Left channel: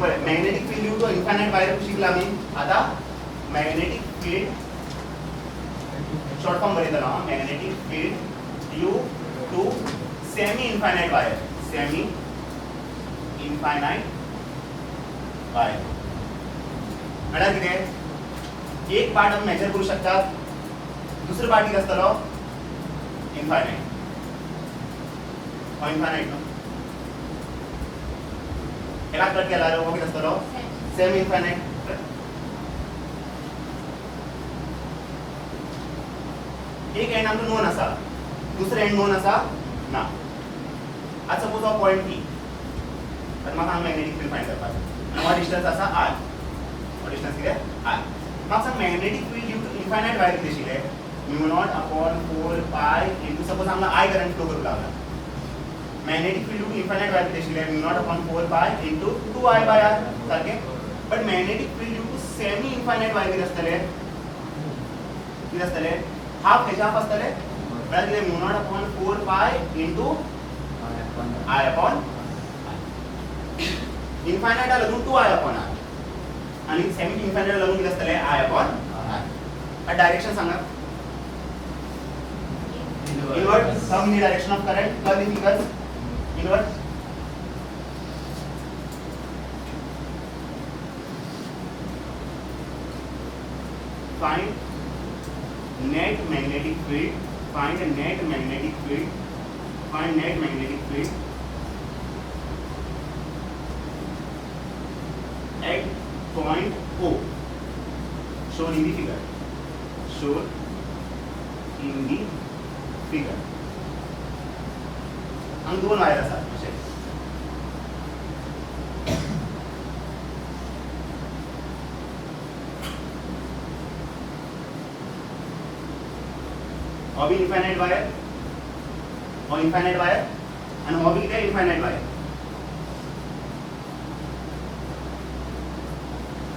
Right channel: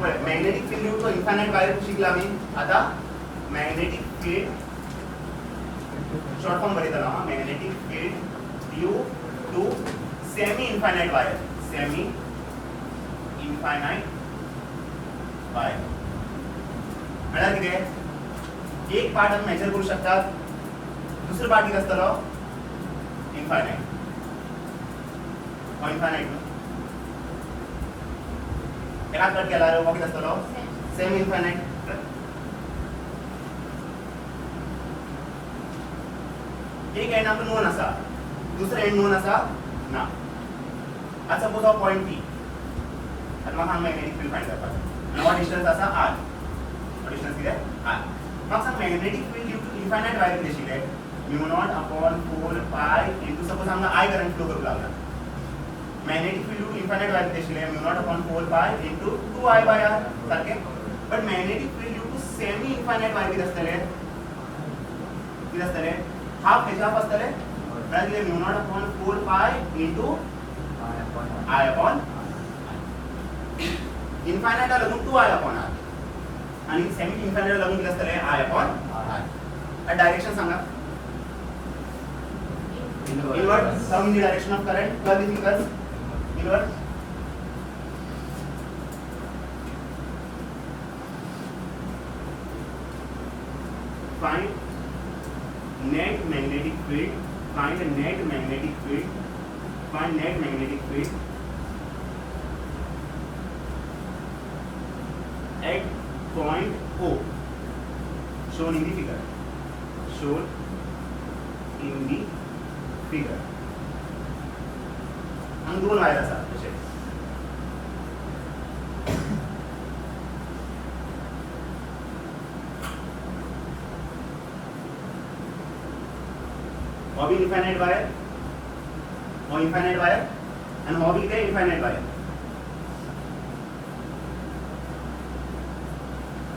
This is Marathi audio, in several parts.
पळय magnetic field due to infinite wire शिकला आमी आता मॅग्नेटिक फील्ड शॉर्ट फॉर्म बरयतलो हांव magnetic field due to semi infinite wire semi infinite wire म्हळ्यार कितें एक पार्ट आमी मेजर करू शकतात दुसरो पार्ट कितें आसतलो इन्फायनाइट हो इन्फायनाइट एका कट केला हो कितें आसतलो सेमी इन्फायनाइट एक एंड आमकां नोन आसा दुसरो एंड नोन आसा ना आता सपोज हो पॉइंट पी आनी म्हाका हांगा मॅग्नेटिक फील्ड फायंड करपाक आनी हो डिस्टन्स आसा आर हो डिस्टन्स कितें आर म्हाका सांग magnetic field due to infinite wire कितें आशिल्लें mu naught upon 4 pi into suppose हांगा आय करंट फ्लो करूंक लागला magnetic field due to infinite wire कितें आशिल्लें mu naught upon 4 pi into 2i by R सारकें but magnetic field due to semi infinite wire कितें आसतलें हाफ हेचे हाफ आसतलें म्हळ्यार कितें mu naught upon 4 pi into I upon infinite लागून 2i upon r आणि सेमी इन्फायनाइट लागून किती असतले I upon r डायरेक्शन सांगा इनवर्ट सम in the direction of current curve in finger inward find net magnetic field find net magnetic field find net magnetic field at point O shown in the figure shown in the figure हम दोन वायर असतात कशे हो बी इन्फायनाइट वायर हो इन्फायनाइट वायर आणि हो बी कितें इन्फायनाइट वायर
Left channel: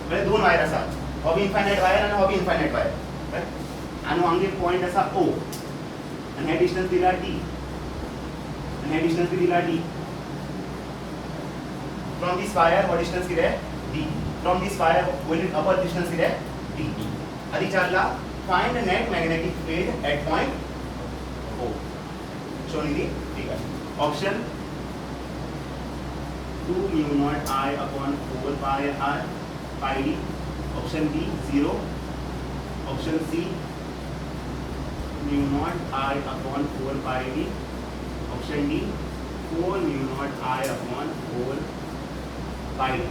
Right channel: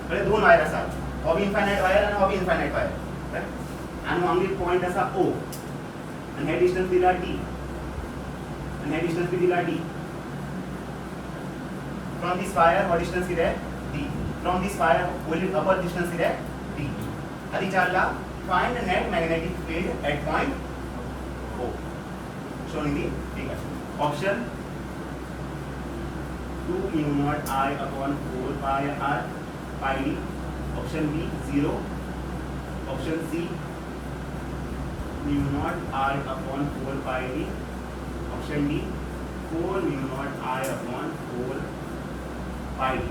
बरे दोन वायर आसा हो बी इन्फायनाइट वायर आणि हो बी इन्फायनाइट वायर आणि हांगा एक पॉइंट आसा O आणि हे डिस्टन्स दिला D आणि हे डिस्टन्स बी दिला D फ्रॉम दिस वायर हो डिस्टन्स कितें D फ्रॉम दिस वायर वयली अपर डिस्टन्स कितें D आधी विचारला find net magnetic field at point O shown in the figure option 2 mu naught I upon 4 pi r pi d option B 0 option C mu naught I upon 4 pi d option D 4 mu naught I upon 4 pi d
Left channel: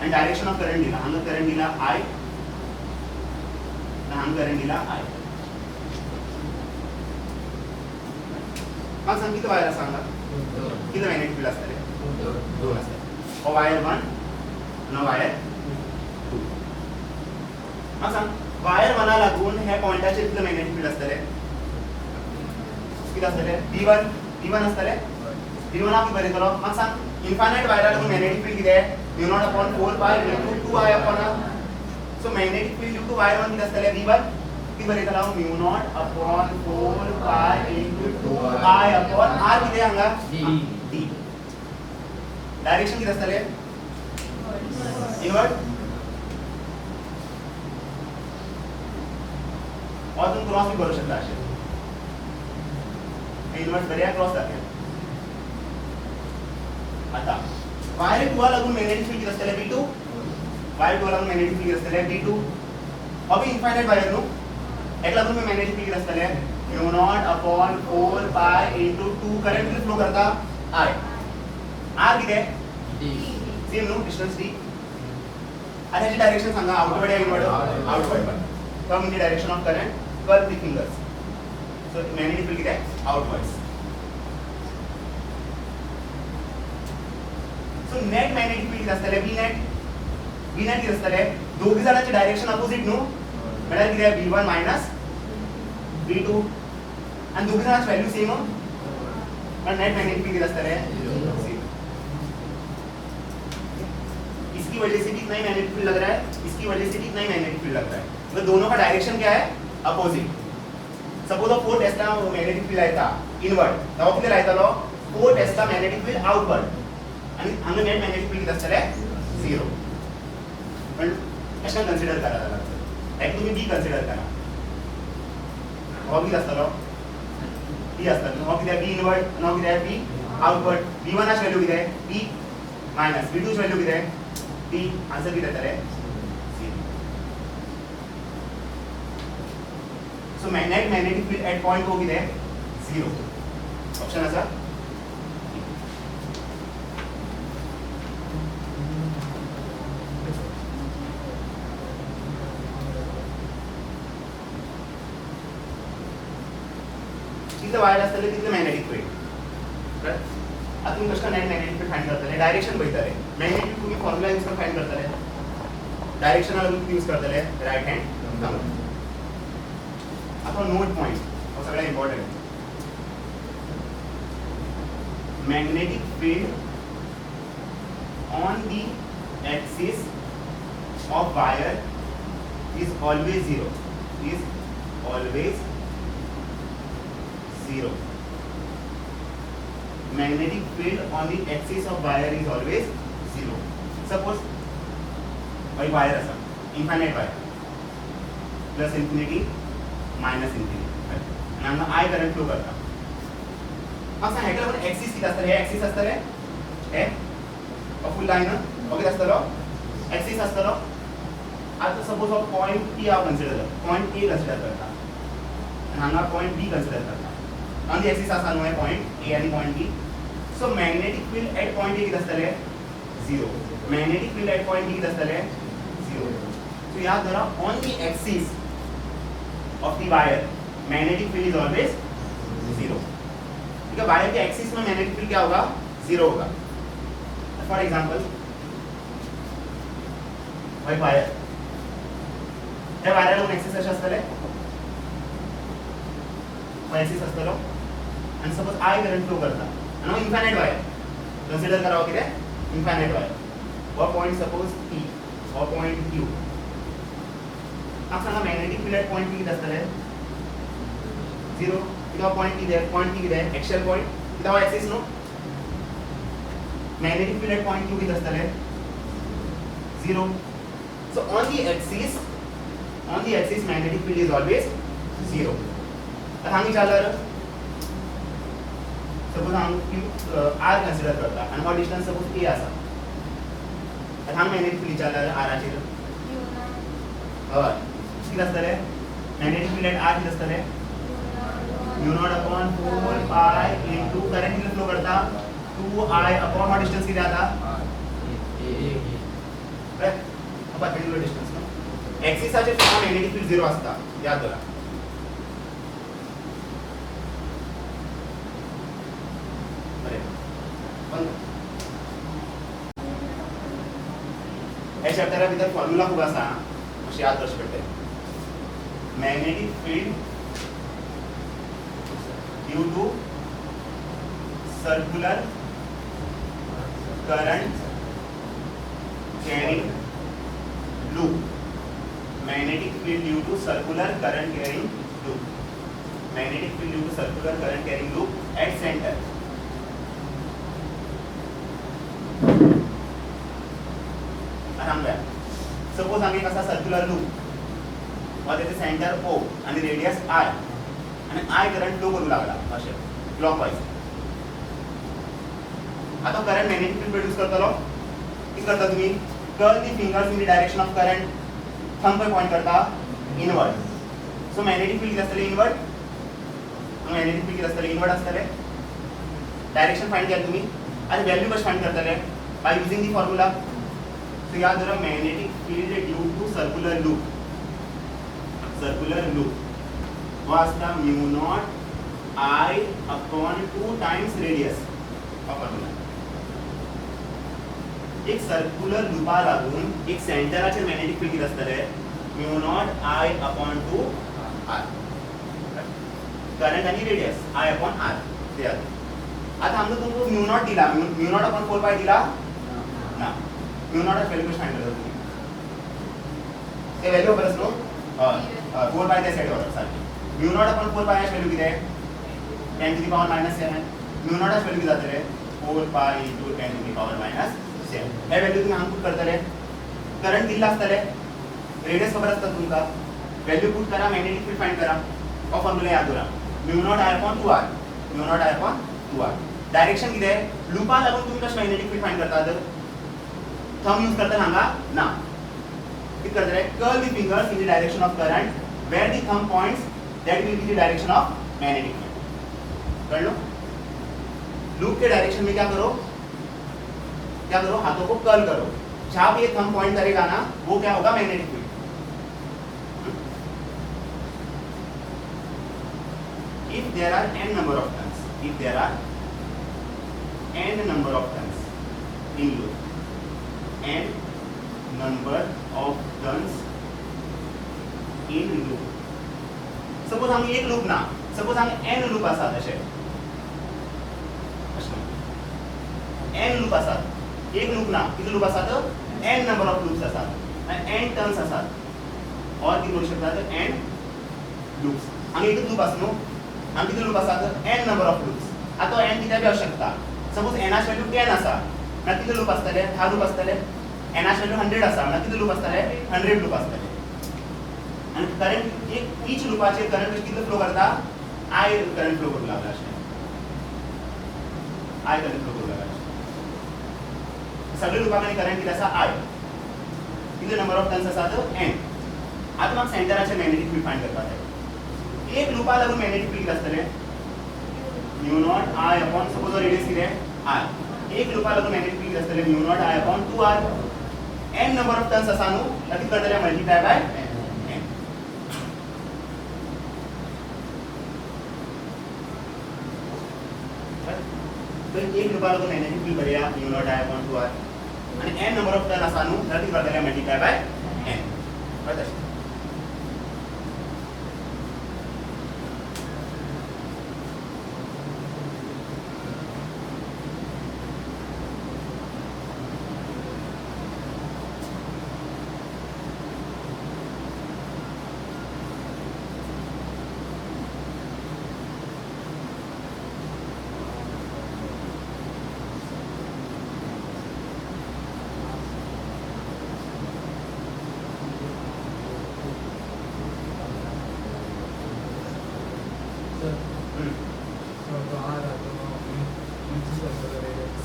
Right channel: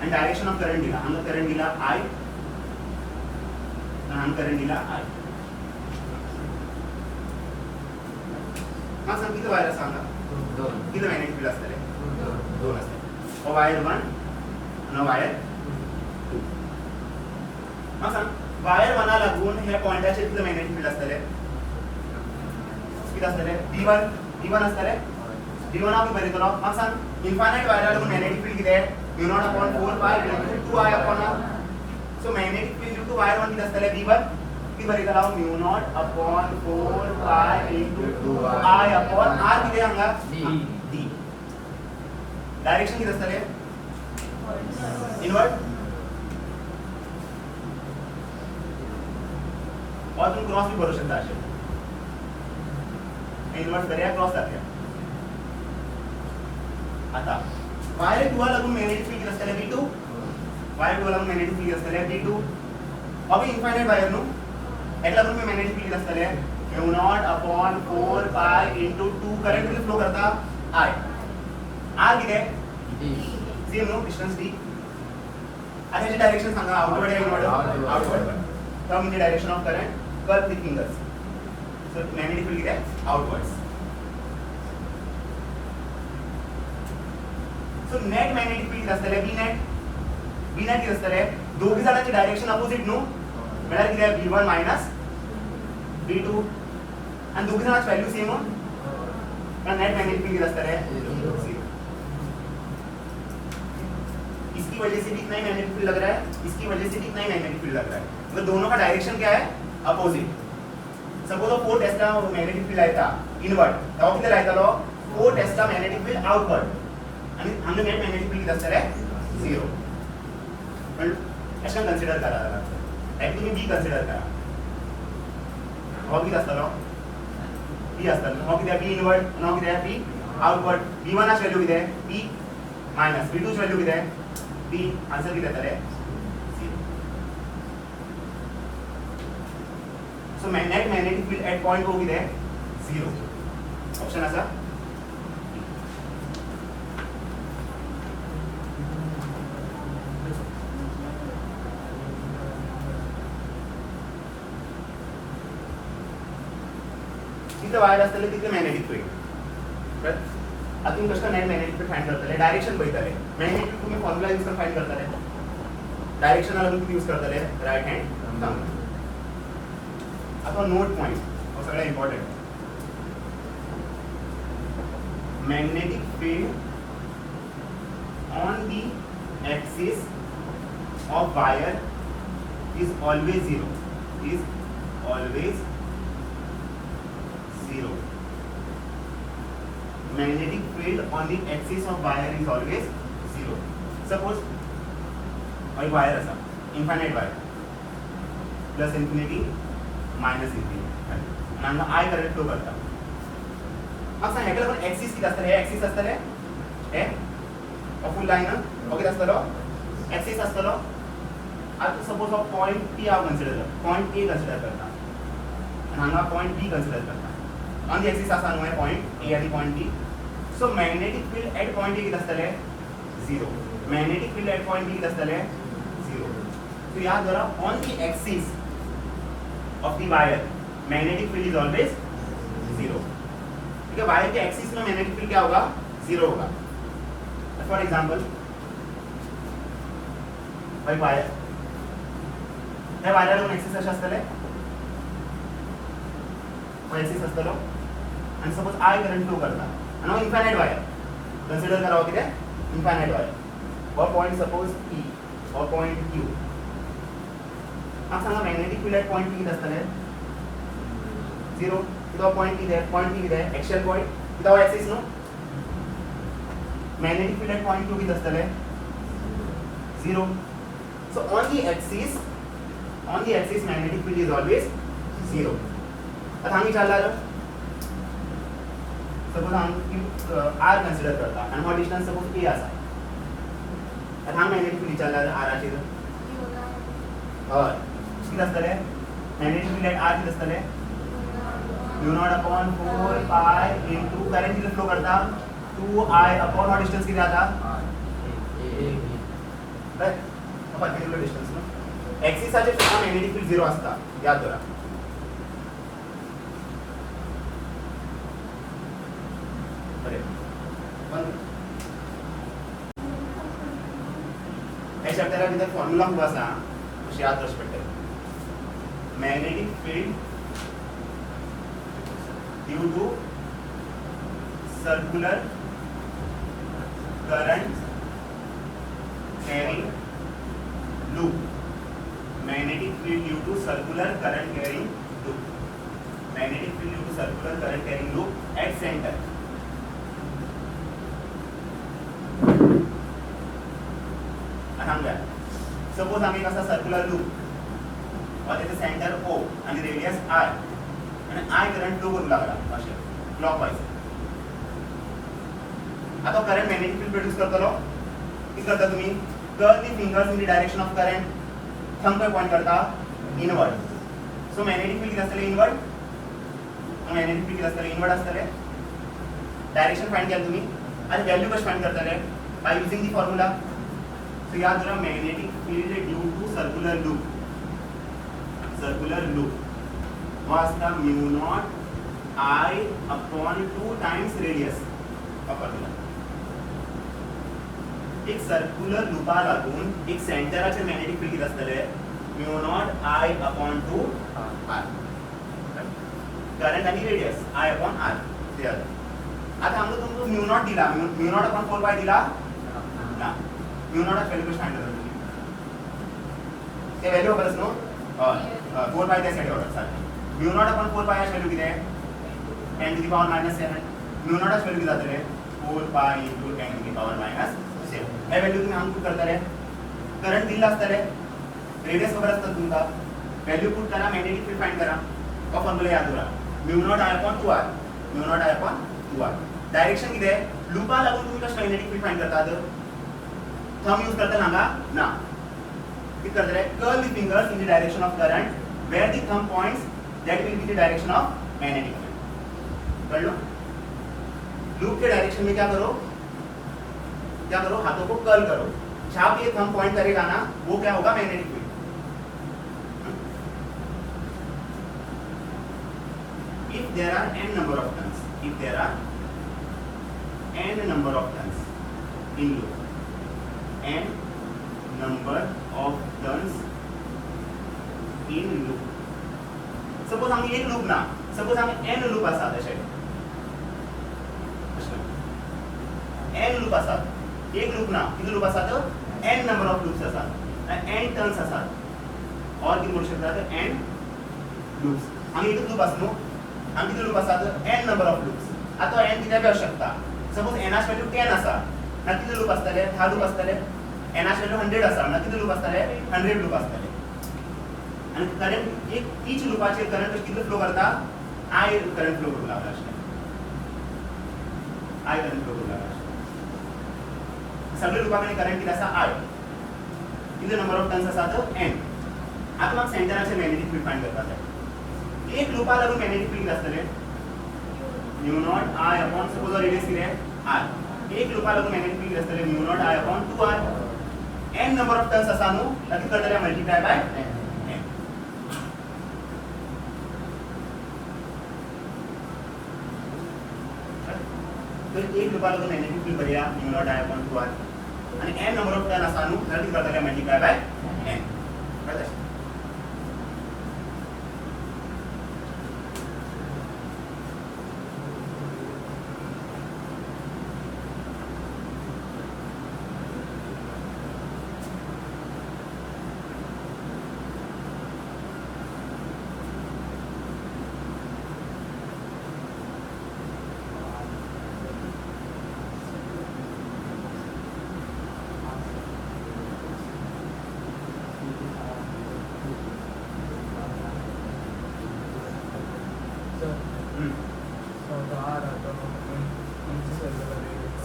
and direction of current दिला हांगा करंट दिला I हांगा करंट दिला I मग सांग किती वायर सांगा किती मॅग्नेटिक फील्ड असतले दोन असते हो वायर 1 आणि वायर 2 मग सांग वायर 1 लागून हे पॉइंटाचे किती मॅग्नेटिक फील्ड असतले किती असतले d1 असतले d1 आपण बरयतलो मग सांग इन्फायनाइट वायर लागून मॅग्नेटिक फील्ड किती आहे mu0 upon 4 pi into 2i upon r so magnetic field due to wire 1 किती असतले d1 किती बरयतलो mu naught upon 4 pi into 2i upon r किती हांगा d डायरेक्शन किती असतले इनवर्ट अजून क्रॉस भी करू शकता असे इनवर्ट बऱ्या क्रॉस जाते आता वायर 2 लागून मॅग्नेटिक फील्ड किती असतले b2 वायर 2 लागून मॅग्नेटिक फील्ड किती असतले b2 अभी इन्फायनाइट वायर नु एकला तुम्ही मॅग्नेटिक फील्ड किती असतले mu0 upon 4 pi into 2 current किती फ्लो करता I r किती आहे d same no distance d आणि याची डायरेक्शन सांगा आउटवर्ड या inward outward from in the direction of current curve with fingers so magnetic field किती आहे outwards so net magnetic field किती असतले b net किती असतले दोघी जणांची डायरेक्शन अपोजिट नो म्हळ्यार किती आहे b1 मायनस b2 आणि दोघी जणांची व्हॅल्यू सेम पण नेट मॅग्नेटिक फील्ड किती असतले इसकी वजह से भी इतना ही मैग्नेटिक फील्ड लग रहा है इसकी वजह से भी इतना ही मैग्नेटिक फील्ड लग रहा है तो दोनों का डायरेक्शन क्या है opposite suppose 4 Tesla magnetic field आयता इनवर्ट तब किती रायतालो 4 टेस्ला मैग्नेटिक फील्ड आउटवर्ड आणि हांगा नेट मॅग्नेटिक फील्ड किती आसतले 0 पण अशें कन्सिडर करा जाल्यार एक तुम्ही बी कन्सिडर करा हो किती आसतलो बी आसतलो हो किती बी इनवर्ट आणि हो किती बी आउटवर्ट b1 ची व्हॅल्यू किती b मायनस b2 ची व्हॅल्यू किती b आन्सर किती येतले so magnetic field at point O किती 0 ऑप्शन आसा जितले वायर असतले तितले मॅग्नेटिक फील्ड आता तुम्ही कशा नेट मॅग्नेटिक फील्ड फाइंड करतले डायरेक्शन पळयतले मॅग्नेटिक तुम्ही फॉर्म्युला यूज करून फाइंड करतले डायरेक्शन लागून किती यूज करतले राइट हँड सांगा आता नोट पॉइंट और सगळ्यात important magnetic field on the axis of wire is always zero magnetic field on the axis of wire is always zero suppose एक वायर असा infinite wire plus infinity minus infinity आणि हांगा I करंट फ्लो करता अब सांग हेका लागून एक्सिस किती असतले हे एक्सिस असतले हे फुल लाइन ओके असतलो एक्सिस असतलो आता सपोज ऑफ पॉइंट P हांव कन्सिडर करता पॉइंट A कन्सिडर करता आणि हांगा पॉइंट B कन्सिडर करता ऑन द एक्सिस आसा न्हू हे पॉइंट A आणि point B so magnetic field at point A किती असतले 0 magnetic field at point B किती असतले 0 सो याद करा on the axis of the wire magnetic field is always 0 ठीक है वायर के एक्सिस में मैग्नेटिक फील्ड क्या होगा 0 होगा फॉर एग्जांपल भाई वायर हे वायर लागून एक्सिस अशें आसतले हो एक्सिस आसतलो आणि सपोज I करंट फ्लो करता आणि हो इन्फायनाइट वायर कन्सिडर करा हो कितें इन्फायनाइट वायर हो पॉइंट सपोज P हो पॉइंट Q हांव सांगा magnetic field at point P कितें आसतले 0 कितना पॉइंट की है पॉइंट की है एक्चुअल पॉइंट कितना axis no magnetic field at point 2 की दस्तल है 0 so on the axis magnetic field is always 0 अब हम चल रहा सपोज हम r कंसीडर करता आणि हा डिस्टन्स सपोज a आसा अब हम मैग्नेटिक फील्ड चल रहा r आचे और किती दस्तल है मैग्नेटिक फील्ड एट r की दस्तल है mu naught upon 4 pi into current कितना फ्लो करता 2I upon और डिस्टेंस कितना आता राइट अब पर्पेंडिकुलर डिस्टेंस नो एक्सिस आचे फ्लो मॅग्नेटिक फील्ड 0 असता याद करा बरे बंद हे चॅप्टरा भितर फॉर्म्युला खूप आसा अशी याद करची पडटली magnetic field due to circular current carrying loop magnetic field due to circular current carrying loop magnetic field due to circular current carrying loop at center suppose आम्ही कसा सर्क्युलर लूप और त्याचे सेंटर O आणि रेडियस R आणि I करंट फ्लो करू लागला अशे क्लॉकवाइज आता करंट मॅग्नेटिक फील्ड प्रोड्यूस करतलो किती करता तुम्ही curl the fingers in the direction of current thumb पे पॉइंट करता इनवर्ड सो मॅग्नेटिक फील्ड किती असतले इनवर्ड मॅग्नेटिक फील्ड किती असतले इनवर्ड असतले डायरेक्शन फाइंड केलं तुम्ही आणि व्हॅल्यू कशी फाइंड करतले बाय यूजिंग दी फॉर्म्युला तो याद रखना magnetic field due to circular loop was the mu naught I upon 2 times radius of formula एक सर्क्युलर लूपा लागून एक सेंटराचे मॅग्नेटिक फील्ड किती असतले mu naught I upon 2 r current आणि रेडियस I upon r ते आता हमने तुमको mu naught दिला mu naught upon 4 pi दिला ना mu naught व्हॅल्यू कशी फाइंड करतो ते व्हॅल्यू बरस नो 4 pi त्या सेट ऑर्डर साठी mu naught upon 4 pi ची व्हॅल्यू किती आहे 10 to the power -7 mu naught ची व्हॅल्यू किती जाते 4 पाय into 10 to the power minus 7 हे व्हॅल्यू तुम्ही हांगा पुट करतले करंट दिल्ला आसतले रेडियस खबर आसता तुमका व्हॅल्यू पुट करा मॅग्नेटिक फील्ड फाइंड करा हो फॉर्म्युला याद दवरा mu naught I upon 2r mu naught I upon 2r direction कितें लूपा लागून तुम्ही कशें मॅग्नेटिक फील्ड फाइंड करतात थंब यूज करता हांगा ना कितें करतले curl the fingers in the direction of current where the thumb points that will be the direction of magnetic field कर लो लूप के डायरेक्शन में क्या करो हाथों को कर्ल करो जहां पे ये थंब पॉइंट करेगा ना वो क्या होगा magnetic field if there are n number of turns in loop n number of turns in loop suppose आमी एक लूप ना सपोज आमी n लूप आसात अशे n लूप आसात एक लूप ना किती लूप आसात n नंबर ऑफ लूप्स आसात n टर्न्स आसात और किती म्हणू शकतात n लूप्स आमी एकच लूप आसलो आमी किती लूप आसात n नंबर ऑफ लूप्स आता n किती बी असू शकता सपोज n ची व्हॅल्यू 10 आसा ना किती लूप आसतले 10 लूप आसतले n ची व्हॅल्यू 100 आसा ना किती लूप आसतले 100 लूप आसतले आणि करंट एक ईच लूपाचे करंट किती फ्लो करता I करंट फ्लो करू लागला अशें I करंट फ्लो करू लागला सगळे लूपामध्ये करंट किती आसा I किती नंबर ऑफ टर्न्स आसा तो n आता मग सेंटराचे मॅग्नेटिक फील्ड फाइंड करपाक जाय एक लूपा लागून मॅग्नेटिक फील्ड आसतले mu naught I upon suppose radius कितें r एक लूपा लागून मॅग्नेटिक फील्ड आसतले mu naught I upon 2r n number of turns आसा न्हू ताका करतले मल्टिप्लाय बाय तर एक लूपा लागून मॅग्नेटिक फील्ड बऱ्या mu naught I upon 2r आणि n नंबर ऑफ टर्न आसा न्हू ताका करतले मल्टिप्लाय बाय n कळता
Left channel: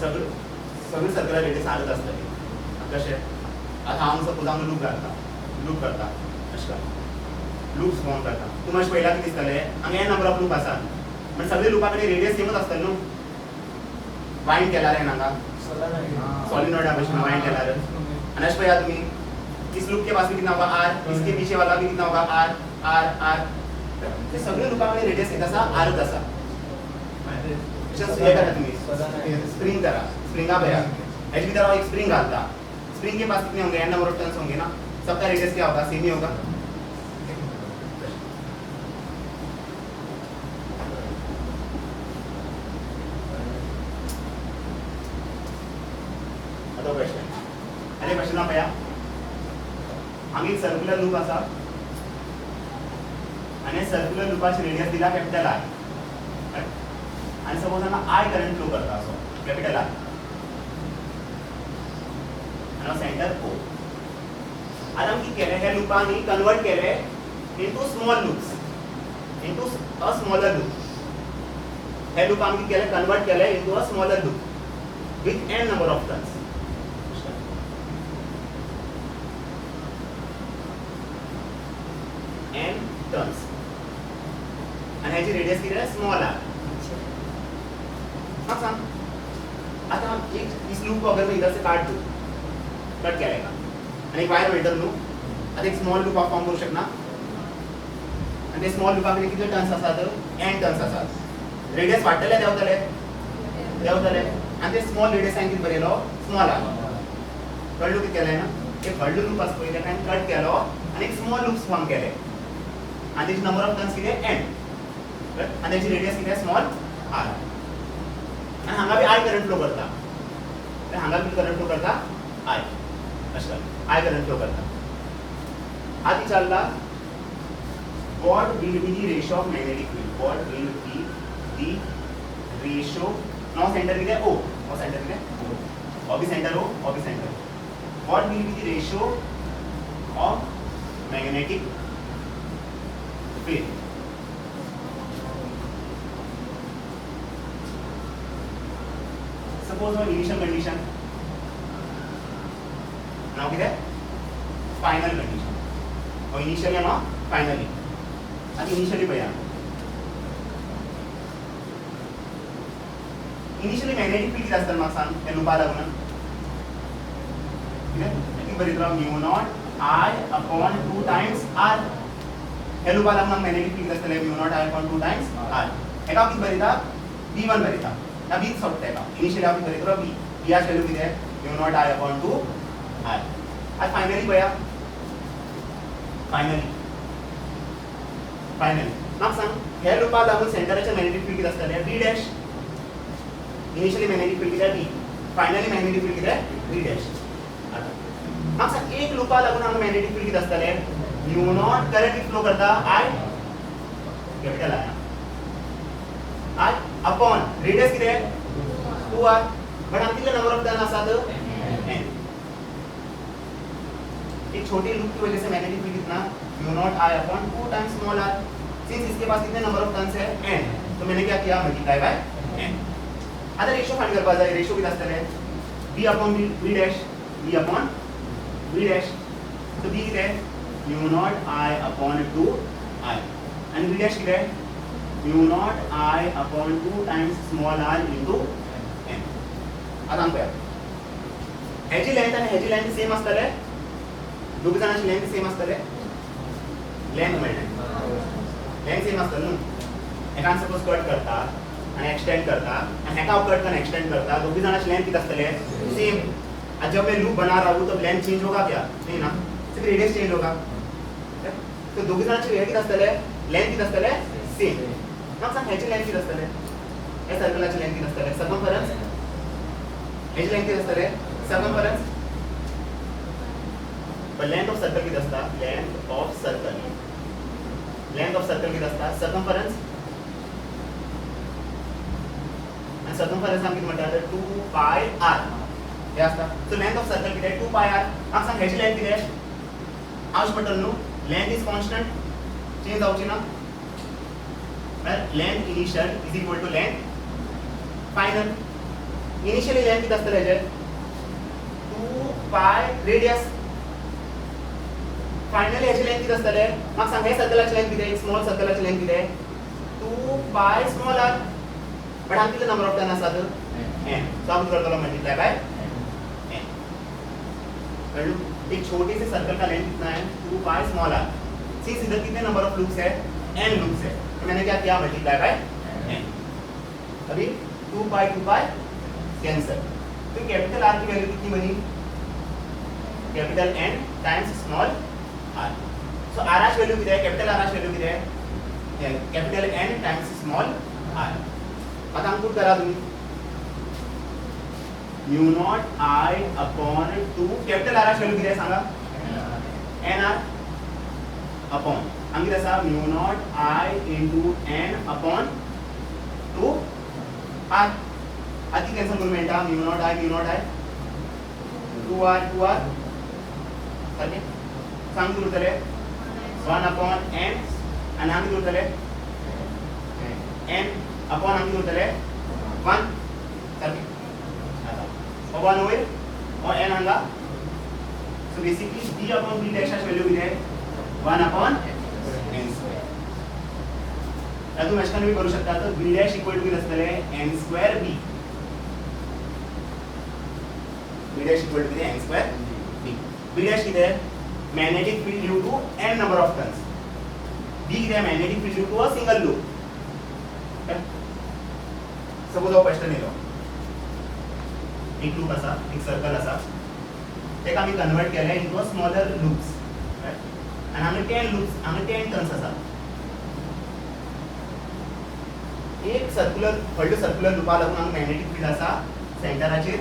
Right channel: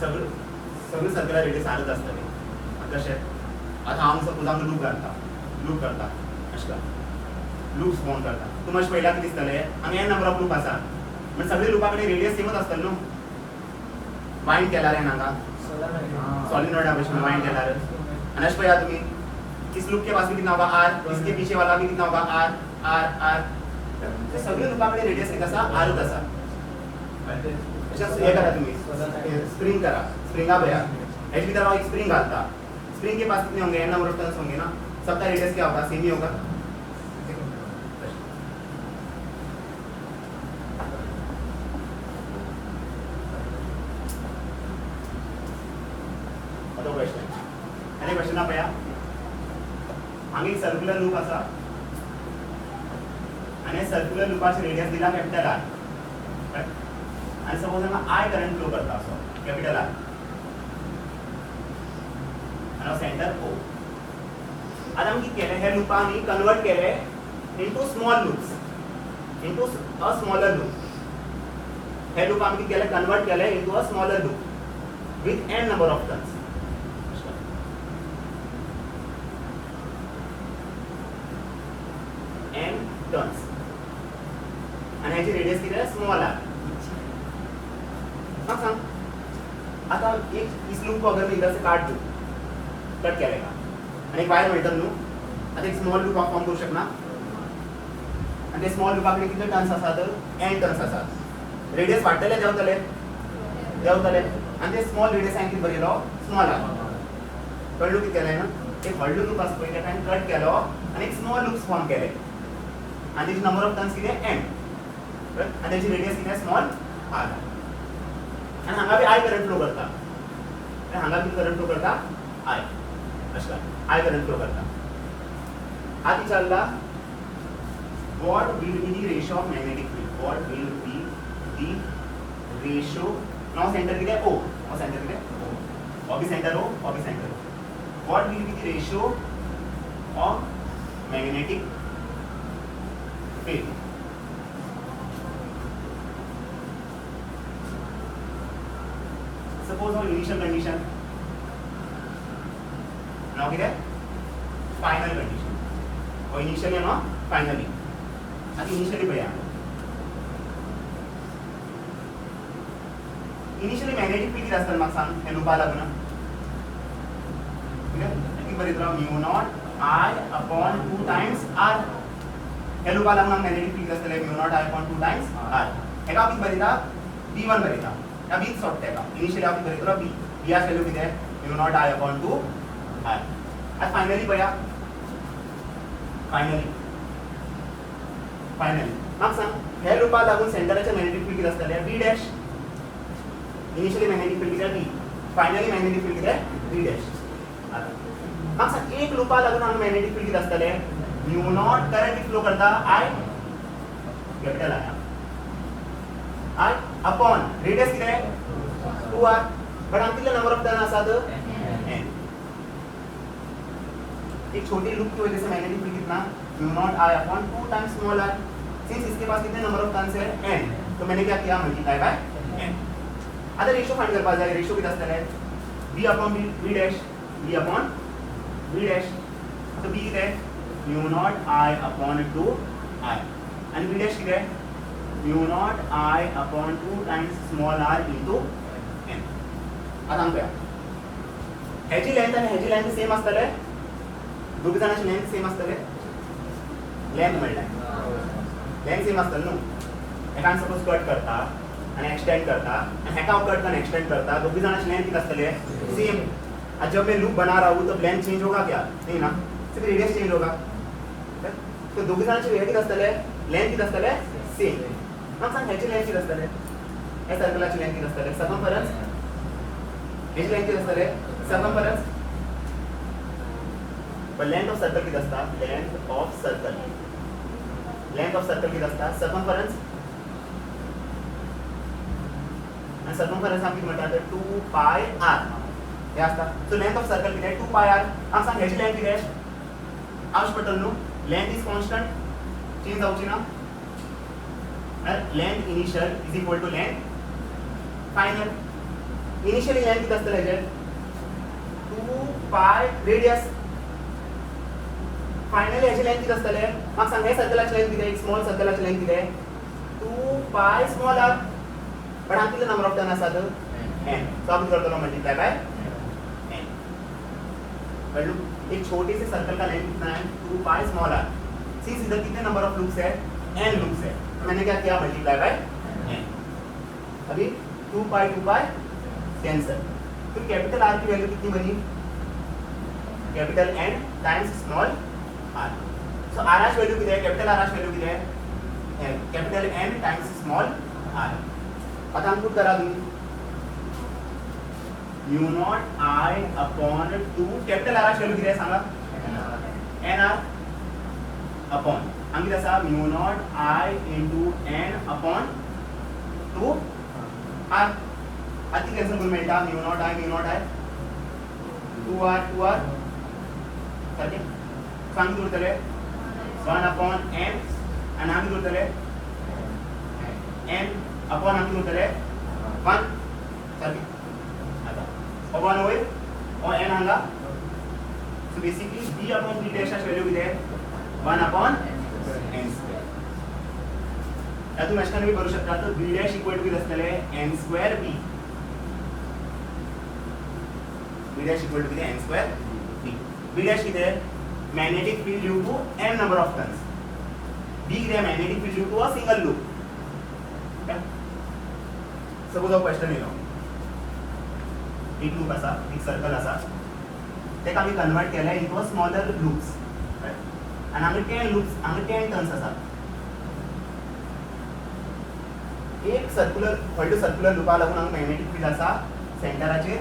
सगळे सर्कल रेडियस आरच आसतली कशें आता हांव सपोज हांगा लूप करता अशें का लूप्स फॉर्म करता तुमी अशें पळयलां कितें दिसतलें हांगा n नंबर ऑफ लूप आसा पण सगळे लूपा कडेन रेडियस सेमच आसतले न्हू वाइंड केल्यार हांगा सॉलिनॉइडा भशेन वाइंड केल्यार आनी अशें पळया तुमी इस लूप के पास भी कितना होगा r इसके पीछे वाला भी कितना होगा r r r ते सगळे लूपा कडेन रेडियस किती आसा rच आसा ये करा तुम्ही स्प्रिंग करा स्प्रिंगा भैया एच की तरह एक स्प्रिंग आता स्प्रिंग के पास कितने होंगे n नंबर ऑफ टर्न्स होंगे ना सबका रेडियस क्या होगा सेम ही होगा अदर क्वेश्चन आणि क्वेश्चन आप भैया आम्ही सर्क्युलर लूप असा आणि सर्क्युलर लूपाची रेडियस दिला कॅपिटल R आणि सपोज हांगा I करंट फ्लो करता असो कॅपिटल R आणि सेंटर O आता आमी कितें केलें हे लूपांनी कन्वर्ट केले into small loops into a smaller loop हे लूप आमी कितें केले कन्वर्ट केले into a smaller loop with n number of turns n turns आणि ह्याची रेडियस किती आहे स्मॉल r हाँ सांग आता एक इस लूप को अगर मैं इधर से काट दूं कट क्या रहेगा आणि एक वायर मेटर लूप आता एक स्मॉल लूप फॉर्म करू शकना आणि ते स्मॉल लूपाकडे किती टर्न्स असतात n टर्न्स असतात रेडियस वाढतले देवतले आणि ते स्मॉल रेडियस आहे किती बरेलो स्मॉल आहे कळलो किती केलंय ना एक व्हडलो लूप असतो पहिले काय कट केलो आणि एक स्मॉल लूप्स फॉर्म केले आणि त्याची नंबर ऑफ टर्न्स किती आहे n आणि त्याची रेडियस किती आहे स्मॉल r आणि हांगा बी I करंट फ्लो करता आणि हांगा बी करंट फ्लो करता I अशा I करंट फ्लो करता आधी चालला what will be the ratio of magnetic field what will be the ratio now center किती आहे O और सेंटर कितें of the centre O of the centre what will be the ratio of magnetic field suppose initial condition now कितें फाइनल कंडीशन और इनिशियली ना फाइनली आता इनिशियली पळया इनिशियली मॅग्नेटिक फील्ड किती असतात म्हाका सांग हे लुपा लागून ठीक आहे की बरें mu not I upon 2 times R हे लुपा लागून मॅग्नेटिक फील्ड असतले mu naught I upon 2 times R एका किती बरेता B1 बरेता ना B सोडटा एका इनिशियली आपण बरेतो B B ची व्हॅल्यू किती आहे mu not I upon 2 R आज फायनली पळया फायनली म्हाका सांग हे लुपा लागून सेंटराचे मॅग्नेटिक फील्ड किती असतले B dash initially magnetic field किती B फायनली मॅग्नेटिक फील्ड किती B डॅश आता म्हाका सांग एक लुपा लागून हांगा मॅग्नेटिक फील्ड किती असतले म्यू नॉट करंट फ्लो करता I capital I upon radius किती आहे 2R बट हांगा कितले नंबर ऑफ टर्न आसात n एक छोटी लूप की वजह से मैग्नेटिक फील्ड कितना mu naught I upon 2 times small r since इसके पास कितने नंबर ऑफ टर्न्स है n तो मैंने क्या किया मल्टीप्लाई बाय n आता रेशियो फाइंड करपा जाय रेशियो किती आसतले b upon b dash b upon b dash तो b किती आहे mu not I upon 2 I आणि b डॅश किती आहे mu not I upon 2 times small r into n आता हांगा पळया हेची लेंथ आणि हेची लेंथ सेम आसतले दोघी जणांची लेंथ सेम असतले लेंथ मेळटा लेंथ सेम आसतले न्हू एकान सपोज कट करता आणि एक्सटेंड करता आणि हेका कट करन एक्सटेंड करता दोघी जणांची लेंथ किती असतले सेम आज जब मैं लूप बना रहा हूं तो लेंथ चेंज होगा क्या नहीं ना सिर्फ रेडियस चेंज होगा तो दोघी जणांची रेडियस किती असतले लेंथ किती असतले सेम मग सांग ह्याची लेंथ किती असतले या सर्कलाची लेंथ किती असतले सर्कमफरन्स ह्याची लेंथ किती असतले circumference but length of circle किती असता length of circle किती असता circumference आणि circumference आम्ही म्हणतात 2 pi r हे असता so length of circle किती आहे 2 pi r आम्ही सांग ह्याची लेंथ किती आहे आउश बटन नो length is constant चेंज जाऊची ना length initial is equal to length final initially length किती असतं ह्याचे 2 pi radius फायनली ह्याची लेंथ किती असतले मग सांग हे सर्कलाची लेंथ किती आहे स्मॉल सर्कलाची लेंथ किती आहे 2 पाय स्मॉल r पण हांगा किती नंबर ऑफ टर्न आसात n सो आपण करतलो मल्टीप्लाई बाय n कळलो एक छोटी सी सर्कल का लेंथ कितना है 2 पाय स्मॉल r सिंस इधर कितने नंबर ऑफ लूप्स है n लूप्स है तो मैंने क्या किया मल्टीप्लाई बाय n अभी 2 पाय कैंसिल तो कैपिटल r की वैल्यू कितनी बनी capital N times small r so r h value किती आहे कैपिटल r h वैल्यू किती आहे capital N times small r आता हम पुट करा तुम्ही mu naught I upon 2 capital r h value किती आहे सांगा n r अपॉन हम किती असा mu naught I into n upon 2 r आती कैन्सल करून मेळटा म्यू नॉट I 2r सारखे सांग उरतले 1 अपॉन n आणि आम्ही उरतले n अपॉन आम्ही उरतले 1 सारखे आता 1 होईल और n आंगा so basically b upon b dash value किती आहे 1 अपॉन n स्क्वेअर आता तुम्ही अशा करू शकता तर b डॅश इक्वल टू किती असतले n square b b dash equal to n square b b dash किती आहे magnetic field due to n number of turns b is a magnetic field due to a single loop suppose a question yellow एक लूप असा एक सर्कल असा तेका आम्ही कन्वर्ट केला into a smaller loops right आणि आम्ही 10 loops आम्ही 10 टर्न्स असा एक सर्क्युलर लूपा लागून आम्ही मॅग्नेटिक फील्ड असा सेंटराचे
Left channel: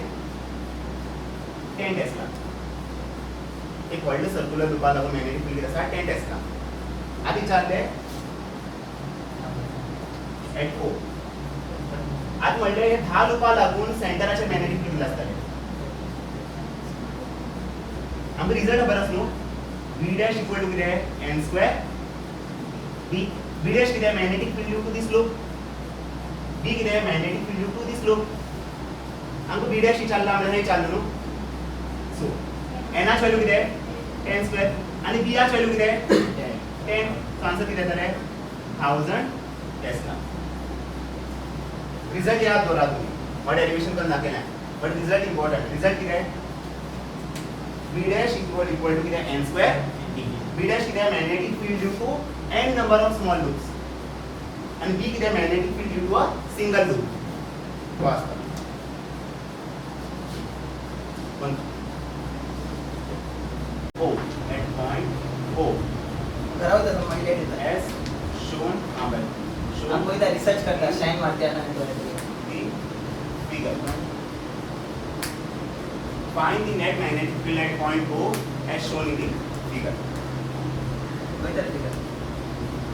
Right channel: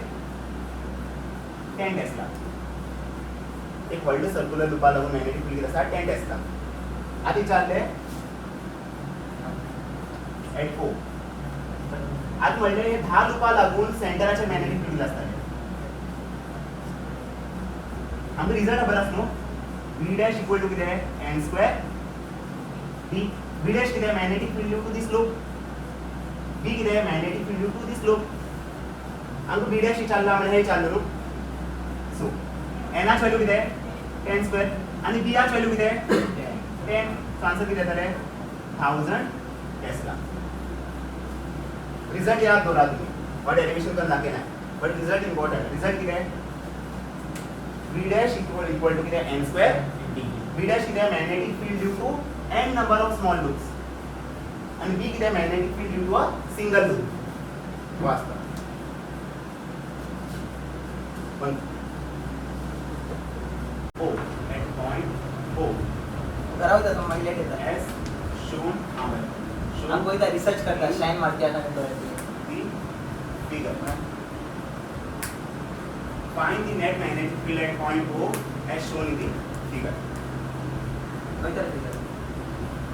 10 टेस्ला एक वर्ल्ड सर्क्युलर लूपा लागून मॅग्नेटिक फील्ड असा 10 टेस्ला आधी चालले एट O आता म्हणजे 10 लुपा लागून सेंटराचे मॅग्नेटिक फील्ड असतात. आमचा रिझल्ट खबर आसलो v डॅश इक्वल टू किती n square b v dash किती magnetic field due to this loop, b किती magnetic field due to this loop. आमको b डॅश विचारला म्हणजे हे चाललो सो n ची व्हॅल्यू किती आहे 10 स्क्वेअर आणि b ची व्हॅल्यू किती आहे 10. आन्सर किती येतले 1000 टेस्ला. रिझल्ट याद करा तुम्ही बट डेरिवेशन करून दाखवले नाही बट रिझल्ट इम्पॉर्टंट. रिझल्ट किती आहे v डॅश इक्वल टू किती आहे n स्क्वेअर b डॅश किती आहे magnetic field due to n number of small loops आणि b किती आहे magnetic field due to a single loop. वास्तव पण O at point O करावं तर माहिती देतात as shown above. हमको इधर रिसर्च करना शाइन मारते आना तो The figure. Find the net magnetic field at point O as shown in the figure. इधर दिखा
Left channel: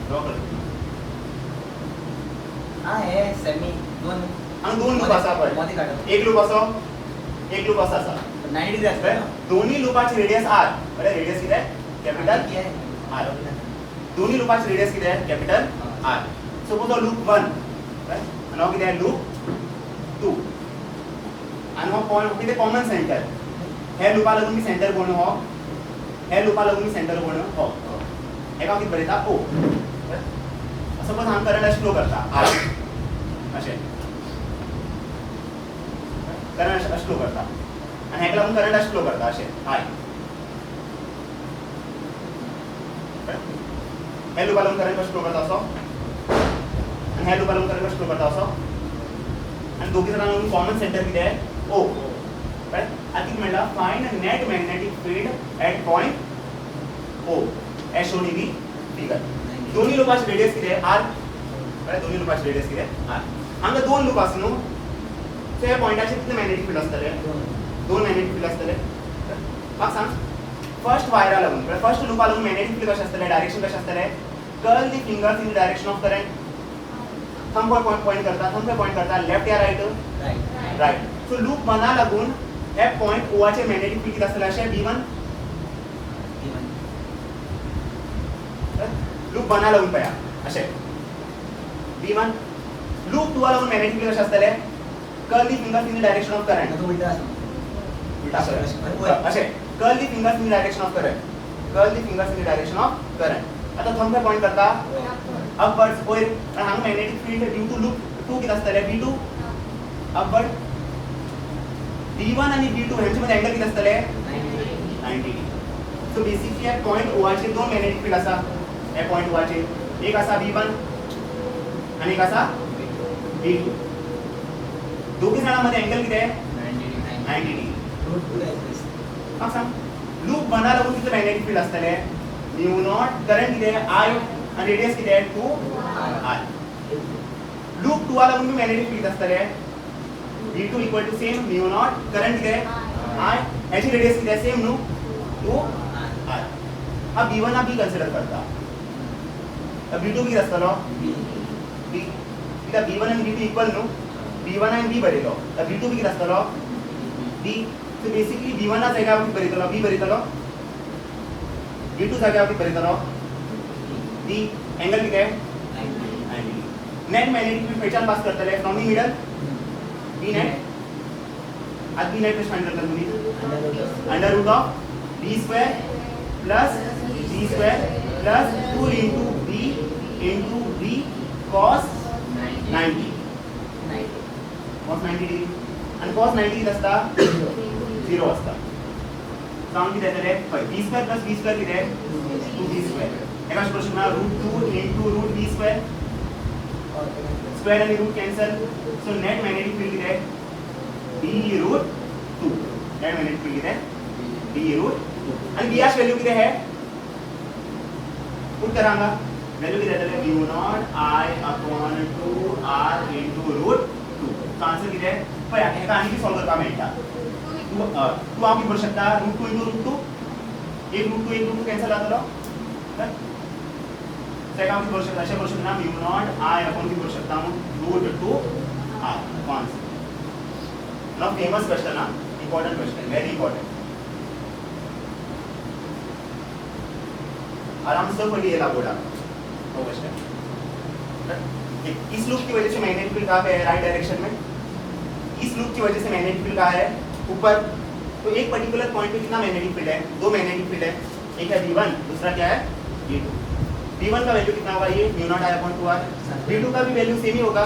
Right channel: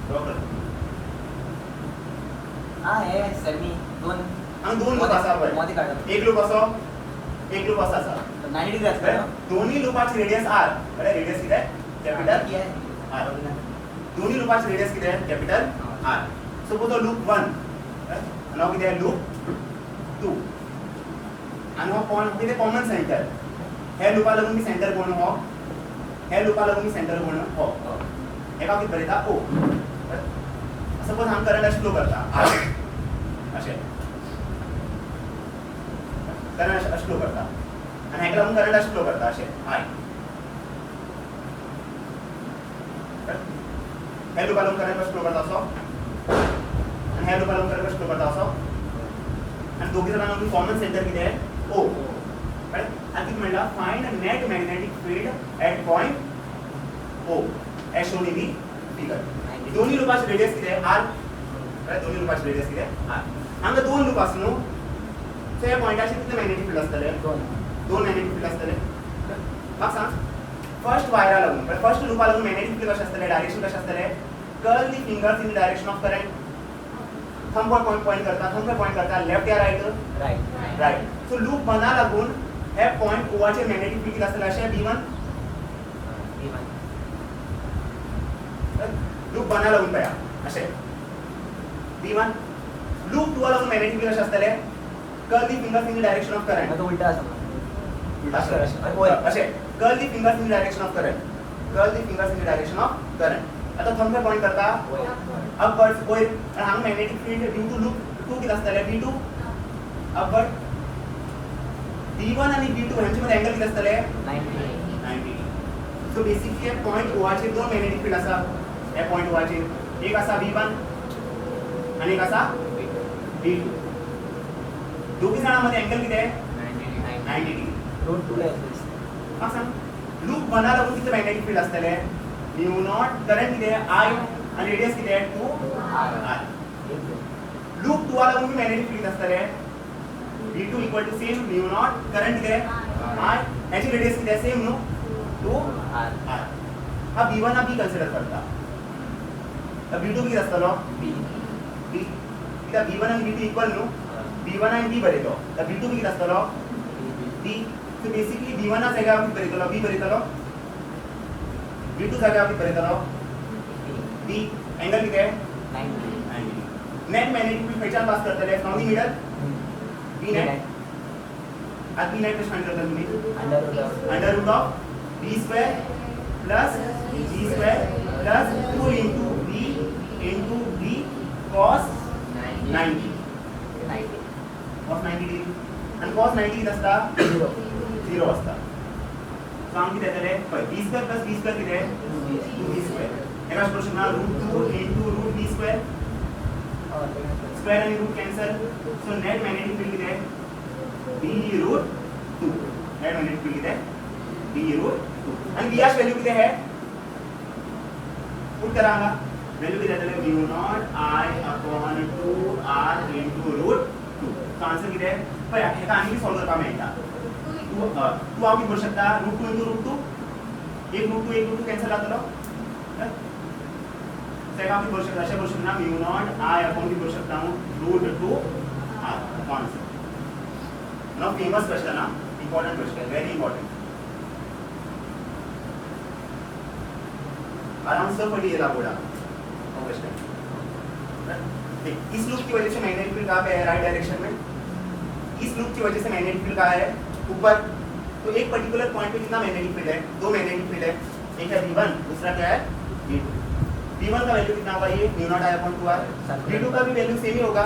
Draw करो. हां है सेमी दोन लूप असा पण मध्ये काढतो एक लूप असा असा 90 डिग्री असतं दोन्ही लूपाची रेडियस r बरं रेडियस किती आहे कॅपिटल r. दोन्ही लूपाची रेडियस किती आहे कॅपिटल r. सपोज लूप 1 आणि किती आहे लूप 2 आणि हा पॉइंट किती कॉमन सेंटर हे लूपा लागून मी सेंटर कोण हो हे लूपा लागून मी सेंटर कोण हो एका किती बरेता o. सपोज हम करंट फ्लो करता r असे करंट फ्लो करता आणि ह्याला आपण करंट फ्लो करता असे I हे लूपला आपण करंट फ्लो करता असो आणि ह्या लूपला आपण करंट फ्लो करता असो आणि दोघी जणांना कॉमन सेंटर किती आहे O. राइट आता म्हणला find net magnetic field at point O as shown in the figure. दोन्ही लूपाची रेडियस किती आहे r. राइट दोन्ही लूपाची रेडियस किती आहे r. आणि दोन लूप असनो सो या पॉइंटाचे किती मॅग्नेटिक फील्ड असतले दोन मॅग्नेटिक फील्ड असतले. मग सांग फर्स्ट वायरा लागून फर्स्ट लूपा लागून मॅग्नेटिक फील्ड कशा असतले डायरेक्शन कशा असतले curl the fingers in the direction of current. Thumb पर पॉइंट करता लेफ्ट या राइट राइट. सो लूप बना लागून हे पॉइंट O चे मॅग्नेटिक फील्ड किती असतले असे V1 लूप बना लागून पया असे V1 लूप 2 लागून मॅग्नेटिक फील्ड कशा असतले curl the fingers in the direction of current. उलटा असे curl the fingers in the direction of current. आता थंब पे पॉइंट करता अपवर्ड होय आणि हांगा magnetic field due to loop 2 किती असतले V2 अपवर्ड V1 आणि V2 ह्यांच्या मध्ये अँगल किती असतले 90 डिग्री. सो बेसिकली या पॉइंट O चे दोन मॅग्नेटिक फील्ड असा या पॉइंट O चे एक असा V1 आणि एक असा V2. दोघी जणांमध्ये अँगल किती आहे 90 डिग्री. मग सांग लूप बना लागून किती मॅग्नेटिक फील्ड असतले म्यू नॉट करंट किती आहे I आणि रेडियस किती आहे 2r. लूप 2 लागून मी मॅग्नेटिक फील्ड असतले V2 equal to same mu naught current किती आहे I ह्याची रेडियस किती आहे सेम नो 2r. हा V1 हा B कन्सिडर करता तर V2 किती असतलो B किती V1 आणि V2 इक्वल नो V1 आणि B बरेलो तर V2 किती असतलो B. So basically V1 ना जागा आपण बरेतलो B बरेतलो V2 जागा आपण बरेतलो B. एंगल किती आहे 90. नेट मॅग्नेटिक फील्ड पहचान पास करतले from the middle B net. आज B नेट पे फाइंड करता तुम्ही under root of B square plus B square plus 2 into B into B cos 90 cos 90 degree आणि cos 90 किती असता 0 असता. सांग किती येतले b square plus b square किती आहे 2b स्क्वेअर. एका क्वेश्चन ला √2 into √b स्क्वेअर स्क्वेअर आणि root cancel. So net magnetic field किती आहे b√2. नेट मॅग्नेटिक फील्ड किती आहे b√2 आणि b ची व्हॅल्यू किती आहे पुट करांगा व्हॅल्यू किती येतले mu naught I upon 2r into √2. So answer किती आहे पण ह्याका आणखी सॉल्व करता मेळटा. तू आम्ही करू शकता √2 into √2 एक √2 कॅन्सल जातलो त्याका आम्ही करू शकता अशा करू शकता म्यू नॉट I अपॉन ती करू शकता √2 R. Cons. Now famous question, important question, very important. आराम से पढ़िए लागोड़ा क्वेश्चन। इस लूप की वजह से मैग्नेटिक फील्ड कहाँ पे है? राइट डायरेक्शन में। इस लूप की वजह से मैग्नेटिक फील्ड कहाँ है? ऊपर। तो एक पर्टिकुलर पॉइंट पे कितना मैग्नेटिक फील्ड है? दो मैग्नेटिक फील्ड है, एक है V1, दूसरा क्या है? V2। V1 का वैल्यू कितना होगा? ये μ0I/2r। V2 का भी वैल्यू सेम ही होगा,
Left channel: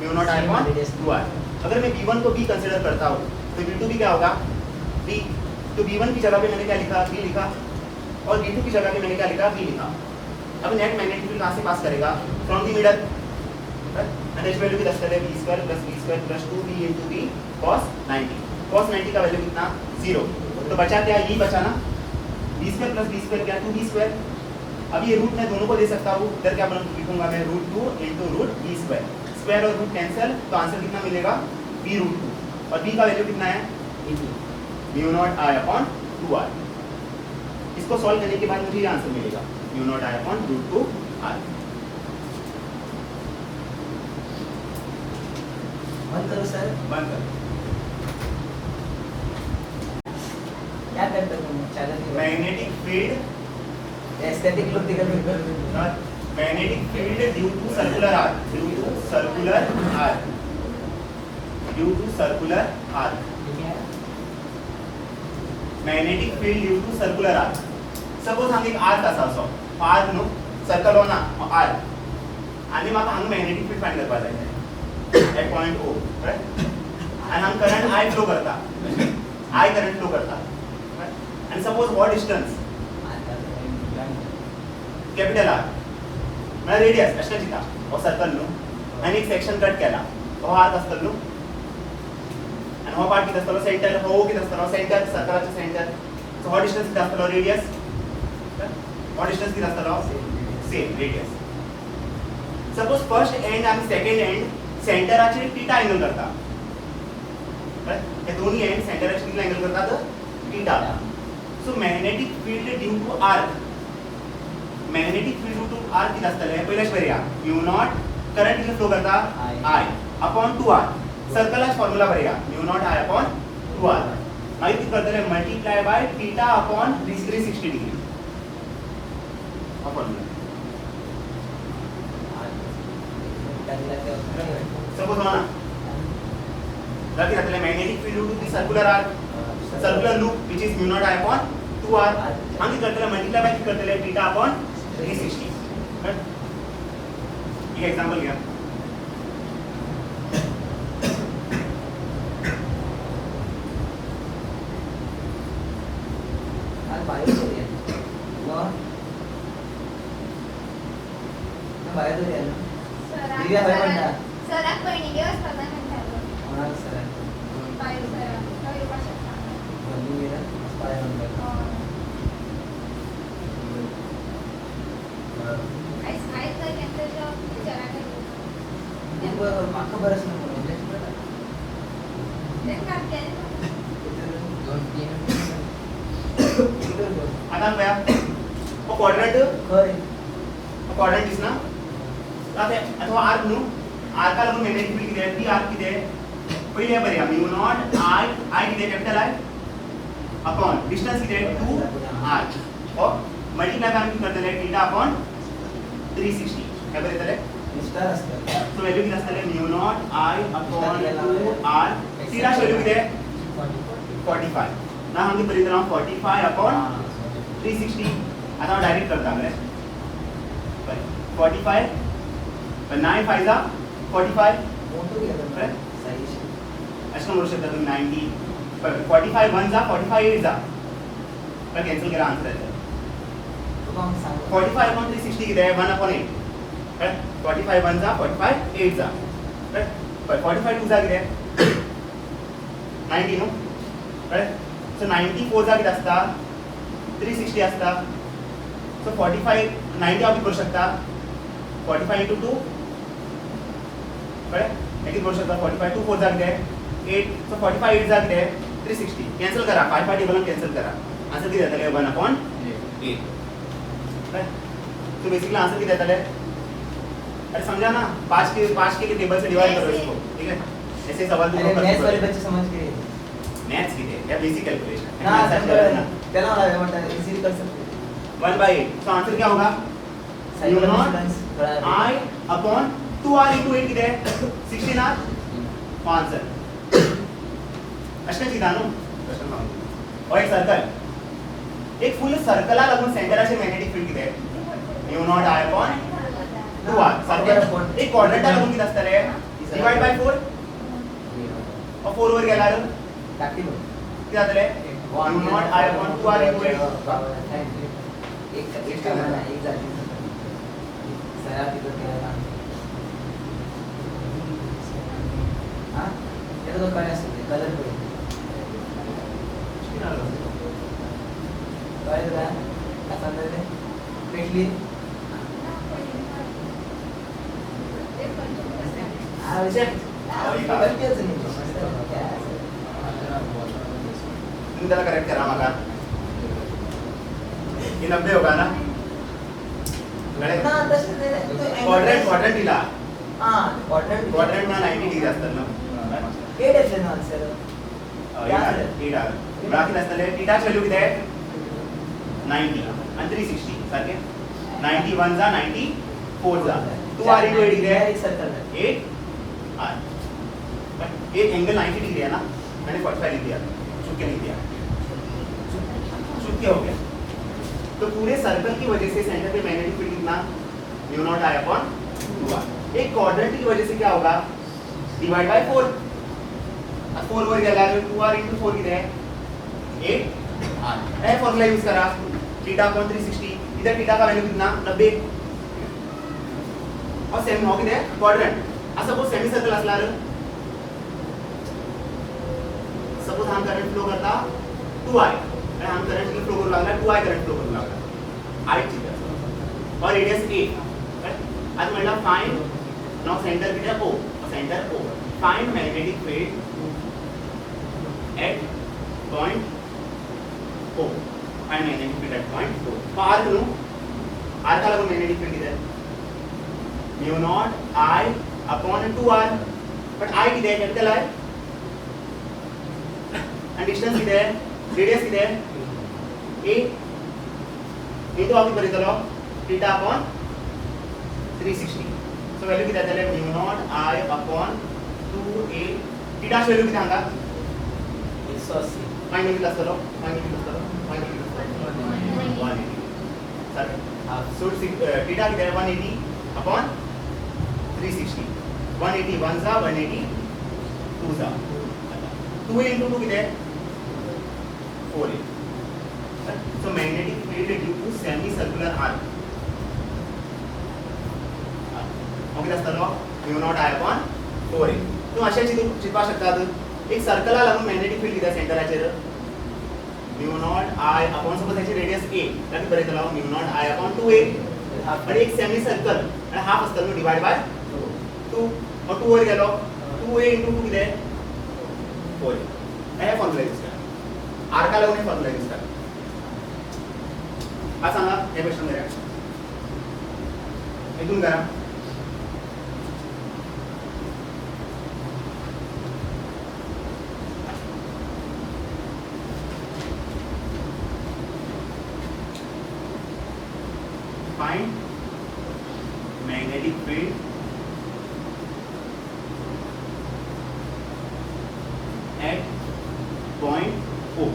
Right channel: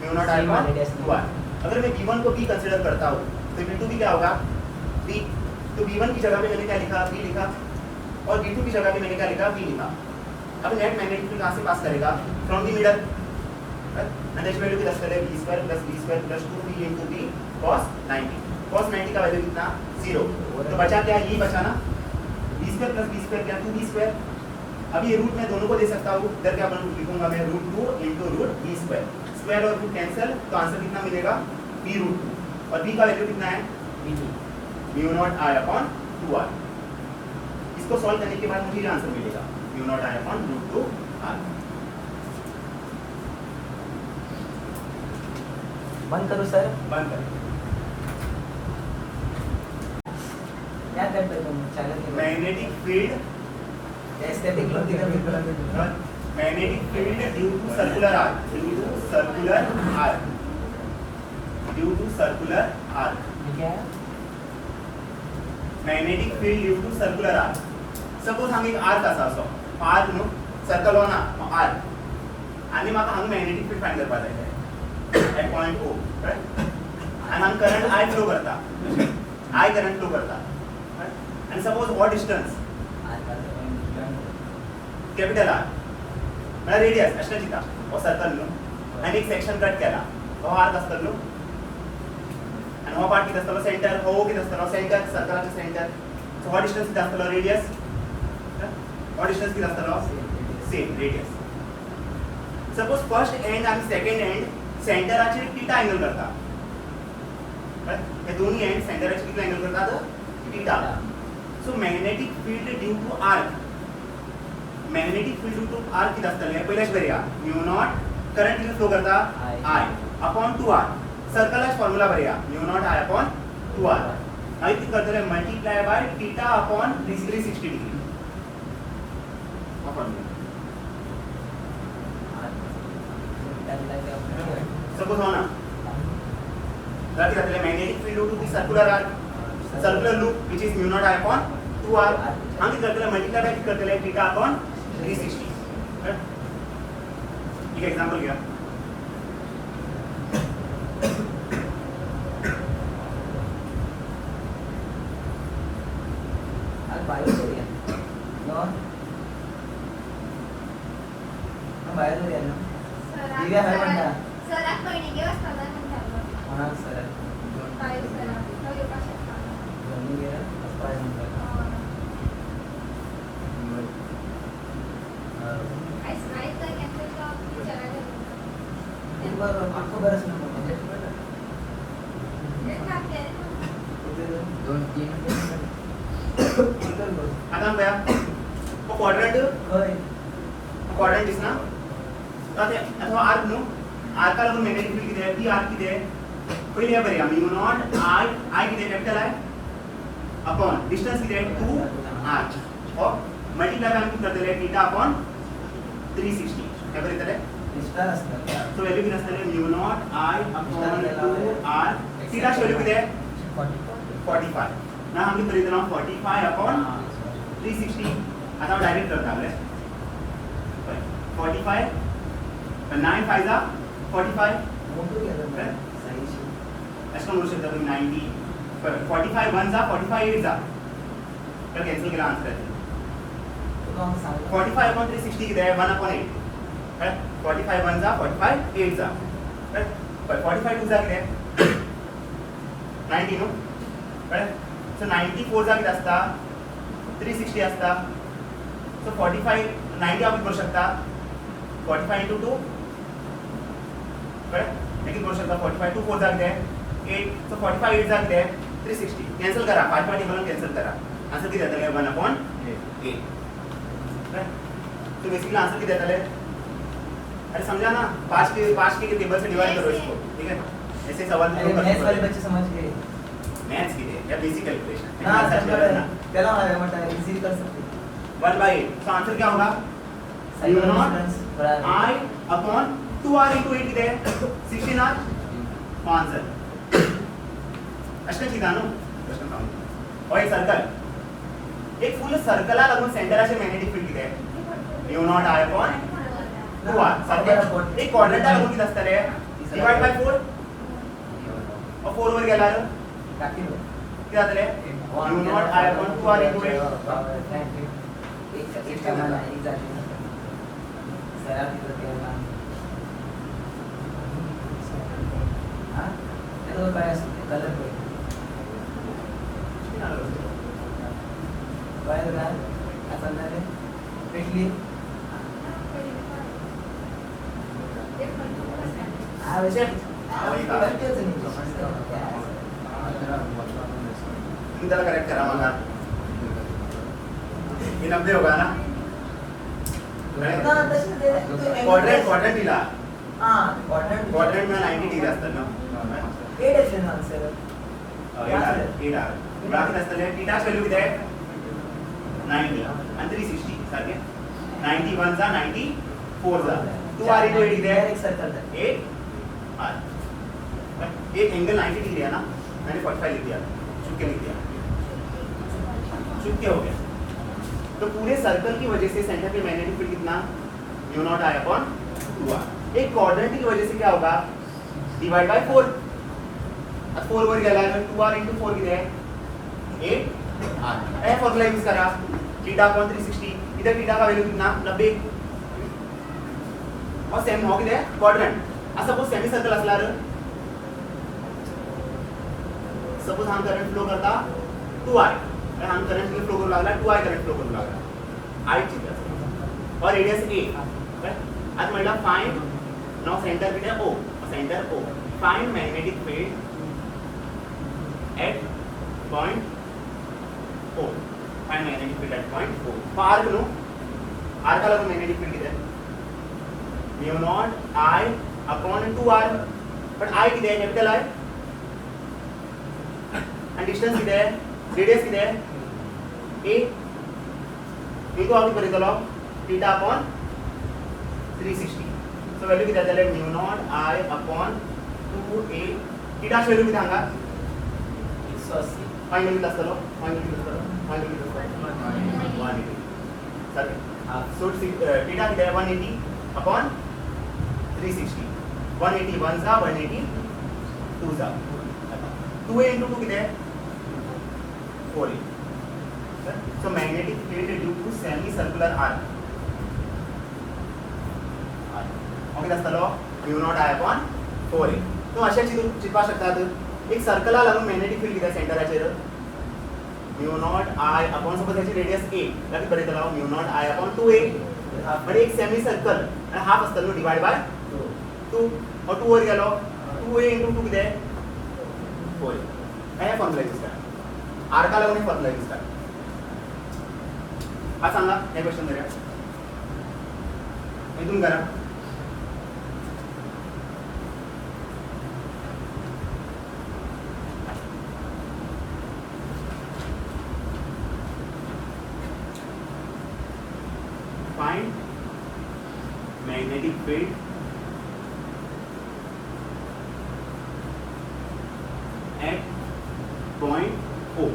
μ0I/2r। अगर मैं V1 को B कंसीडर करता हूँ तो V2 भी क्या होगा? B। तो V1 की जगह पे मैंने क्या लिखा? B लिखा, और V2 की जगह पे मैंने क्या लिखा? B लिखा। अब नेट मैग्नेटिक फील्ड कहाँ से पास करेगा? From the middle. Energy value की 10 कर ले, V² + V² + 2B × B cos 90। cos 90 का वैल्यू कितना? 0। तो बचा क्या? ये बचा ना, V² + V² क्या? 2B²। अब ये रूट मैं दोनों को दे सकता हूँ, इधर क्या लिखूंगा मैं? √2 × √B²। स्क्वायर और रूट कैंसिल, तो आंसर कितना मिलेगा? B√2। और B का वैल्यू कितना है? μ0I/2r। इसको सॉल्व करने के बाद मुझे ये आंसर मिलेगा, μ0I/√2r। बंद करो सर। बंद कर। क्या करते हो? चैनल के मैग्नेटिक फील्ड, एस्थेटिक लोग दिखा magnetic field due to circular arc, due to circular arc, due to circular arc. Magnetic field due to circular arc. Suppose हांगा एक आर्क आसा असो, आर्क न्हू, सर्कल हो ना, आर्क, आनी म्हाका हांगा मैग्नेटिक फील्ड फाइंड करपा जाय at point O, right? And Hum current I flow करता, I current flow करता, right? And suppose what distance? Capital R. मैं radius अशें चिता, और circle न्हू, आणि एक section cut केला, हो आर्क आसतलो, आणि हो part कितें आसतलो? center, हो कितें आसतलो? center, circleचे center. So what distance कितें आसतलो? radius. What distance कितें आसतलो? Same radius. Suppose first end and second end सेंटराचे थीटा एंगल करता, हे दोन्ही एंड सेंटराचे किती एंगल करतात? Theta. So magnetic field due to arc, magnetic field due to arc किती आसतले? पहिलेच बरया, μ0 करंट किती फ्लो करता? I upon 2r. सर्कलच फॉर्म्युला बरया, μ0I/2r. मागीर किती करतले? Multiply by theta upon 360 degree. हा फॉर्म्युला. सपोज हो ना, जाती magnetic field due to the circular arc, circular loop which is μ0I/2r. हम किती करतले? मल्टीप्लाय बाय किती करतले? Theta upon 360. राइट? एक एग्जांपल घ्या. बाहेर जाऊया ना. दिव्या हवे पण ना. सराक पहिली असतात ना कोणाला सर? पाहिजे सराक मग कशा दिव्या पाय म्हणतात. आईस आईस तर घेतलं विचारा माका बरंच नाही ते काम केलं आता हम गया वो क्वाड्रंट दिसना आता अथवा आर्क न्हू, आर्का लागून मैग्नेटिक फील्ड किती आहे? ती आर्क किती आहे? पहिले बरया, μ0 I किती आहे? कॅपिटल I अपॉन डिस्टन्स किती आहे? 2r और मल्टीप्लाय बाय किती करतले? Theta upon 360. काय बरं येतले? स्टार असतं. सो व्हॅल्यू किती असतले? μ0 I upon 2r. Theta value किती आहे? 45. ना हम किती बरयता? 45 अपॉन 360. आता हम डायरेक्ट करता मरे 45 9 5 जा 45. मोठं घेतो काय? साईज. अशा म्हणू शकता तुम्ही 90. 45 1 जा 45 8 जा, तर कॅन्सल केला आन्सर येतो. 45 अपॉन 360 किती आहे? 1 अपॉन 8. काय? 45 1 जा 45 8 जा, काय? 45 2 जा किती आहे? 90 नो, काय? सो 94 जा किती असता? 360 असता. सो 45 90 आपण करू शकता 45 into 2, करेक्ट? किती करू शकता? 45 2 4 जा किती आहे? 8. सो 45 8 जा किती आहे? 360. कॅन्सल करा, 5 5 टेबल कॅन्सल करा. आन्सर किती येतले? 1 upon 8. Correct? So basically answer किती येतले? अरे समझा ना, 5 के टेबल से डिवाइड करो इसको, ठीक है? ऐसे सवाल भी अरे मैथ्स वाले बच्चे समझ गए मैथ्स की है या बेसिक कैलकुलेशन ना चलो ना बेटा इजी कर सकते 1/8 तो आंसर क्या होगा Sine u naught difference I upon 2r into 8 किती आहे 16r आंसर अशा सीधा नो प्रश्न पाहू और एक सर्कल एक फुल सर्कलला लागून सेंटराचे मॅग्नेटिक फील्ड किती आहे u naught I upon 2r circle एक क्वाड्रंटला लागून किती असणार आहे डिवाइड बाय 4 और 4 वर गेला टाकी लो किती जातले u naught I upon 2r into 8 एक करना एक जाती सरा की तो क्या हां ये तो काय असते कलर पे काय ना आता अंदर में पेटली आ वैसे करते नहीं इन त्याला करेक्ट करा मग ये 90 होगा ना ना तसे दे क्वाड्रंट दिला हां क्वाड्रंट में 90 डिग्री असतात ना 8 आहे ना आन्सर 8 बाकी असतले थीटाच व्हॅल्यू किती आहे 90 आणि 360 सारखे 91 जा 94 जा 2r into 8 किती आहे एक सर्कल है 8 r बट एक एंगल 90 डिग्री है ना मैंने 45 लिख दिया चूक के लिख दिया चूक के हो गया तो पूरे सर्कल की वजह से सेंटर पे मैग्नेटिक फील्ड कितना mu not I upon 2r एक क्वाड्रेंट की वजह से क्या होगा डिवाइड बाय 4 अब 4 वर गेला 2r into 4 किती आहे 8r ए फॉर्मूला यूज करा थीटा अपॉन 360 इधर थीटा का वैल्यू कितना 90 और सेम हो किती आहे क्वाड्रेंट आ सपोज सेमी सर्कल असणार सपोज हा करंट फ्लो करता 2i आणि हा करंट फ्लो करू लागला 2i करंट फ्लो करू लागला i ठीक और रेडियस a राइट आज म्हणला फाइंड नाउ सेंटर किती आहे o centre o find magnetic field at point o find magnetic field at point o arc no arc का लगभग मैग्नेटिक फील्ड किती आहे mu not i upon 2r but i किती आहे कैपिटल i and distance किती आहे रेडियस किती आहे a into आम्ही करीत आलो थीटा अपॉन 360 सो व्हॅल्यू किती आहे mu not i upon 2a theta value किती सांगा 180 फाइंड किती असतो फाइंड किती असतो 180 सर सो थीटा किती आहे 180 अपॉन 360 180 1 जा 180 2 जा 2a into 2 किती आहे 4a so magnetic field due to semicircular arc okay असतो mu not I upon 4a तुम्ही अशा चित्वा शकतात एक सर्कलला लागून मॅग्नेटिक फील्ड किती आहे सेंटराचेर mu not I upon suppose त्याची रेडियस a लागीं बरें चला mu naught I upon 2a पण एक सेमी सर्कल आणि हाफ असतो डिवाइड बाय 2 और 2 वर गेलो 2a into 2 किती आहे 4a हे फॉर्म्युला यूज करा आर्का लागून हे फॉर्म्युला यूज करा हा सांगा हे क्वेश्चन करूया इथून करा find magnetic field at point O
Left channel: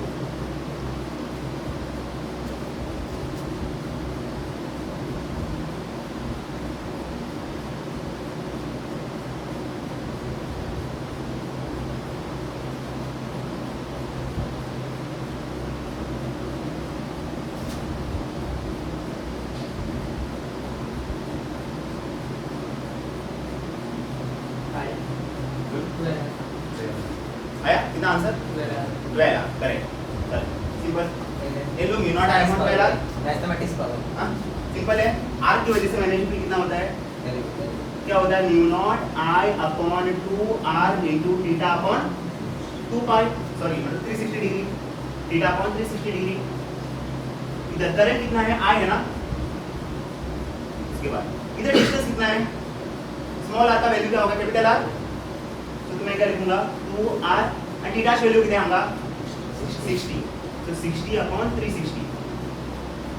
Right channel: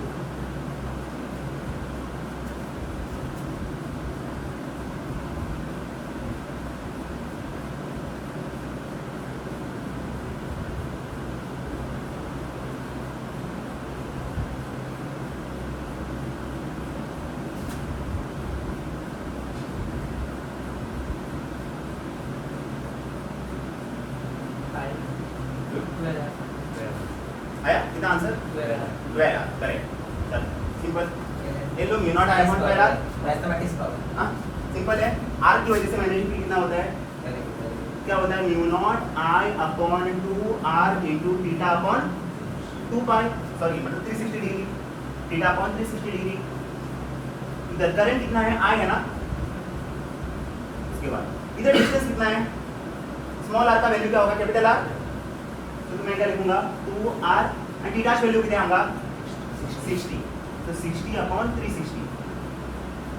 आया कितना आंसर 12 करेक्ट सिंपल ये low mu not I upon पहला मैथमेटिक्स का हां सिंपल है r की वजह से मैग्नेटिक फील्ड कितना होता है क्या होता है mu naught I upon 2r into theta upon 2 pie sorry मतलब 360 डिग्री थीटा अपॉन 360 डिग्री इधर करंट कितना है I है ना इसके बाद इधर डिस्टेंस कितना है स्मॉल आर का वैल्यू क्या होगा कैपिटल आर, तो मैं क्या लिखूंगा 2r and t dash value कितना होगा 60, तो 60 upon 360,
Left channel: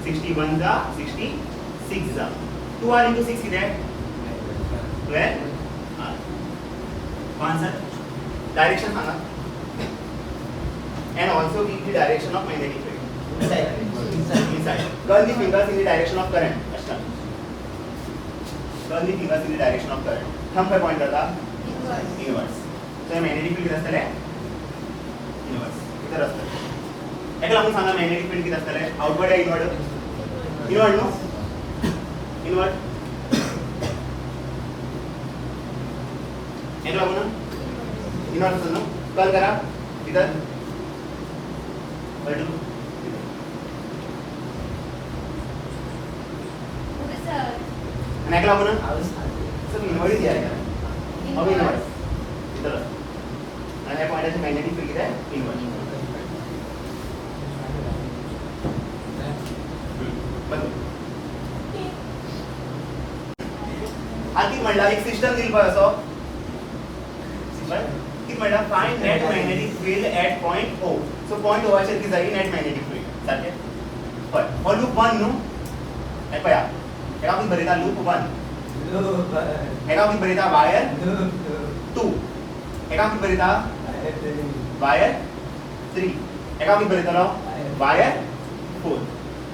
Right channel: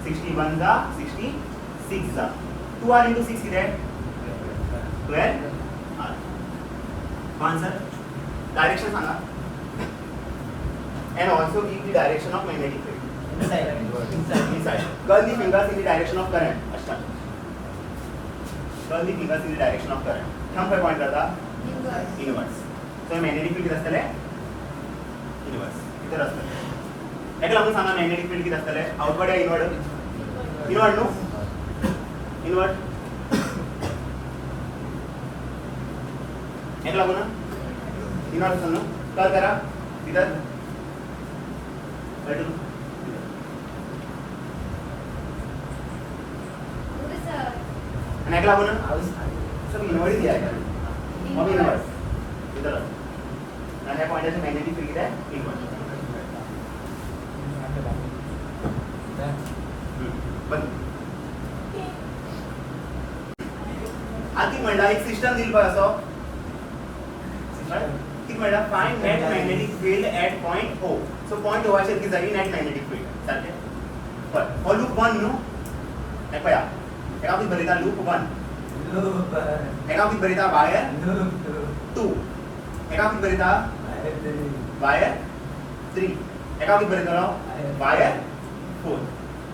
61 जा 66 जा 2r into 6 कितना है 12 r. आंसर डायरेक्शन सांगा and also give the direction of magnetic field. Inside. Curl the fingers in the direction of current. अच्छा. Curl the fingers in the direction of current. Thumb pay point करता inverse. तो ये magnetic field किती असतले inverse. किती असतले. एक लागून सांगा magnetic field किती असतले outward या inward? Inward नो? Inward. एक लागून ना? inward असेल नो? curl करा. इधर. बैठो. आणि ऐकला आपण सब इनवर्ड दिया आहे अब इनवर्ड इधर आणि हे पॉइंटचे मॅग्नेटिक फील्ड किती आहे इनवर्ड. बंद. आधी म्हणला एक सिस्टम दिल पाहिजे असो किती म्हणला find net magnetic field at point O. So point O वर जाई नेट मॅग्नेटिक फील्ड सारखे पण लूप 1 नु हे पया एका किती बरीता लूप 1 एका किती बरीता वायर 2 एका किती बरीता वायर 3 एका किती बरीता वायर 4.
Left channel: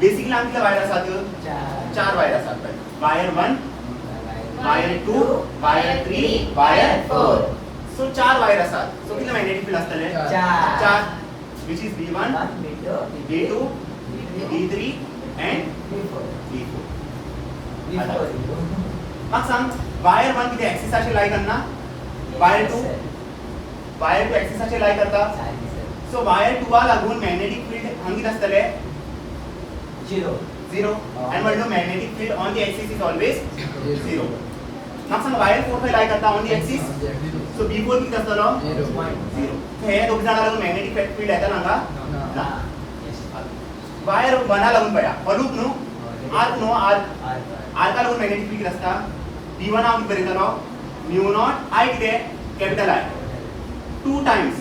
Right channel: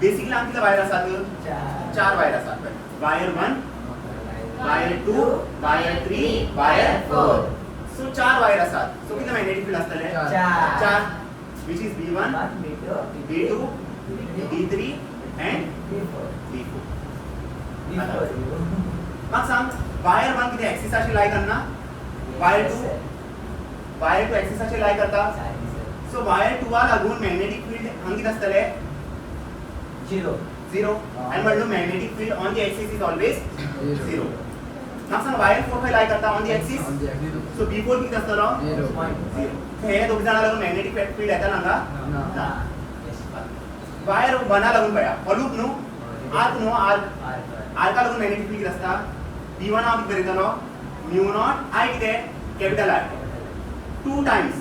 बेसिकली आमच्या वायर असतात 4 वायर असतात wire 1 wire 2 wire 3 wire 4. So 4 wire असतात सो किती magnetic field असतले 4 which is B1 B2 B3 and B4. मग सांग वायर 1 किती ऍक्सिसशी लाय करना वायर 2 ऍक्सिसशी लाय करता सो वायर 2 लागून मॅग्नेटिक फील्ड हांग किती असतले 0 and म्हणलो magnetic field on the axis is always 0. मग सांग वायर 4 पे लाय करता on the axis so B4 किती असतलो 0. हे दोघ जण लागून मॅग्नेटिक फील्ड येता नांगा ना वायर 1 लागून पया लूप नु आर्क नो आर्का लागून मॅग्नेटिक फील्ड असता B1 हांव किती बरयतलो म्यू नॉट I किती कॅपिटल I 2 टाइम्स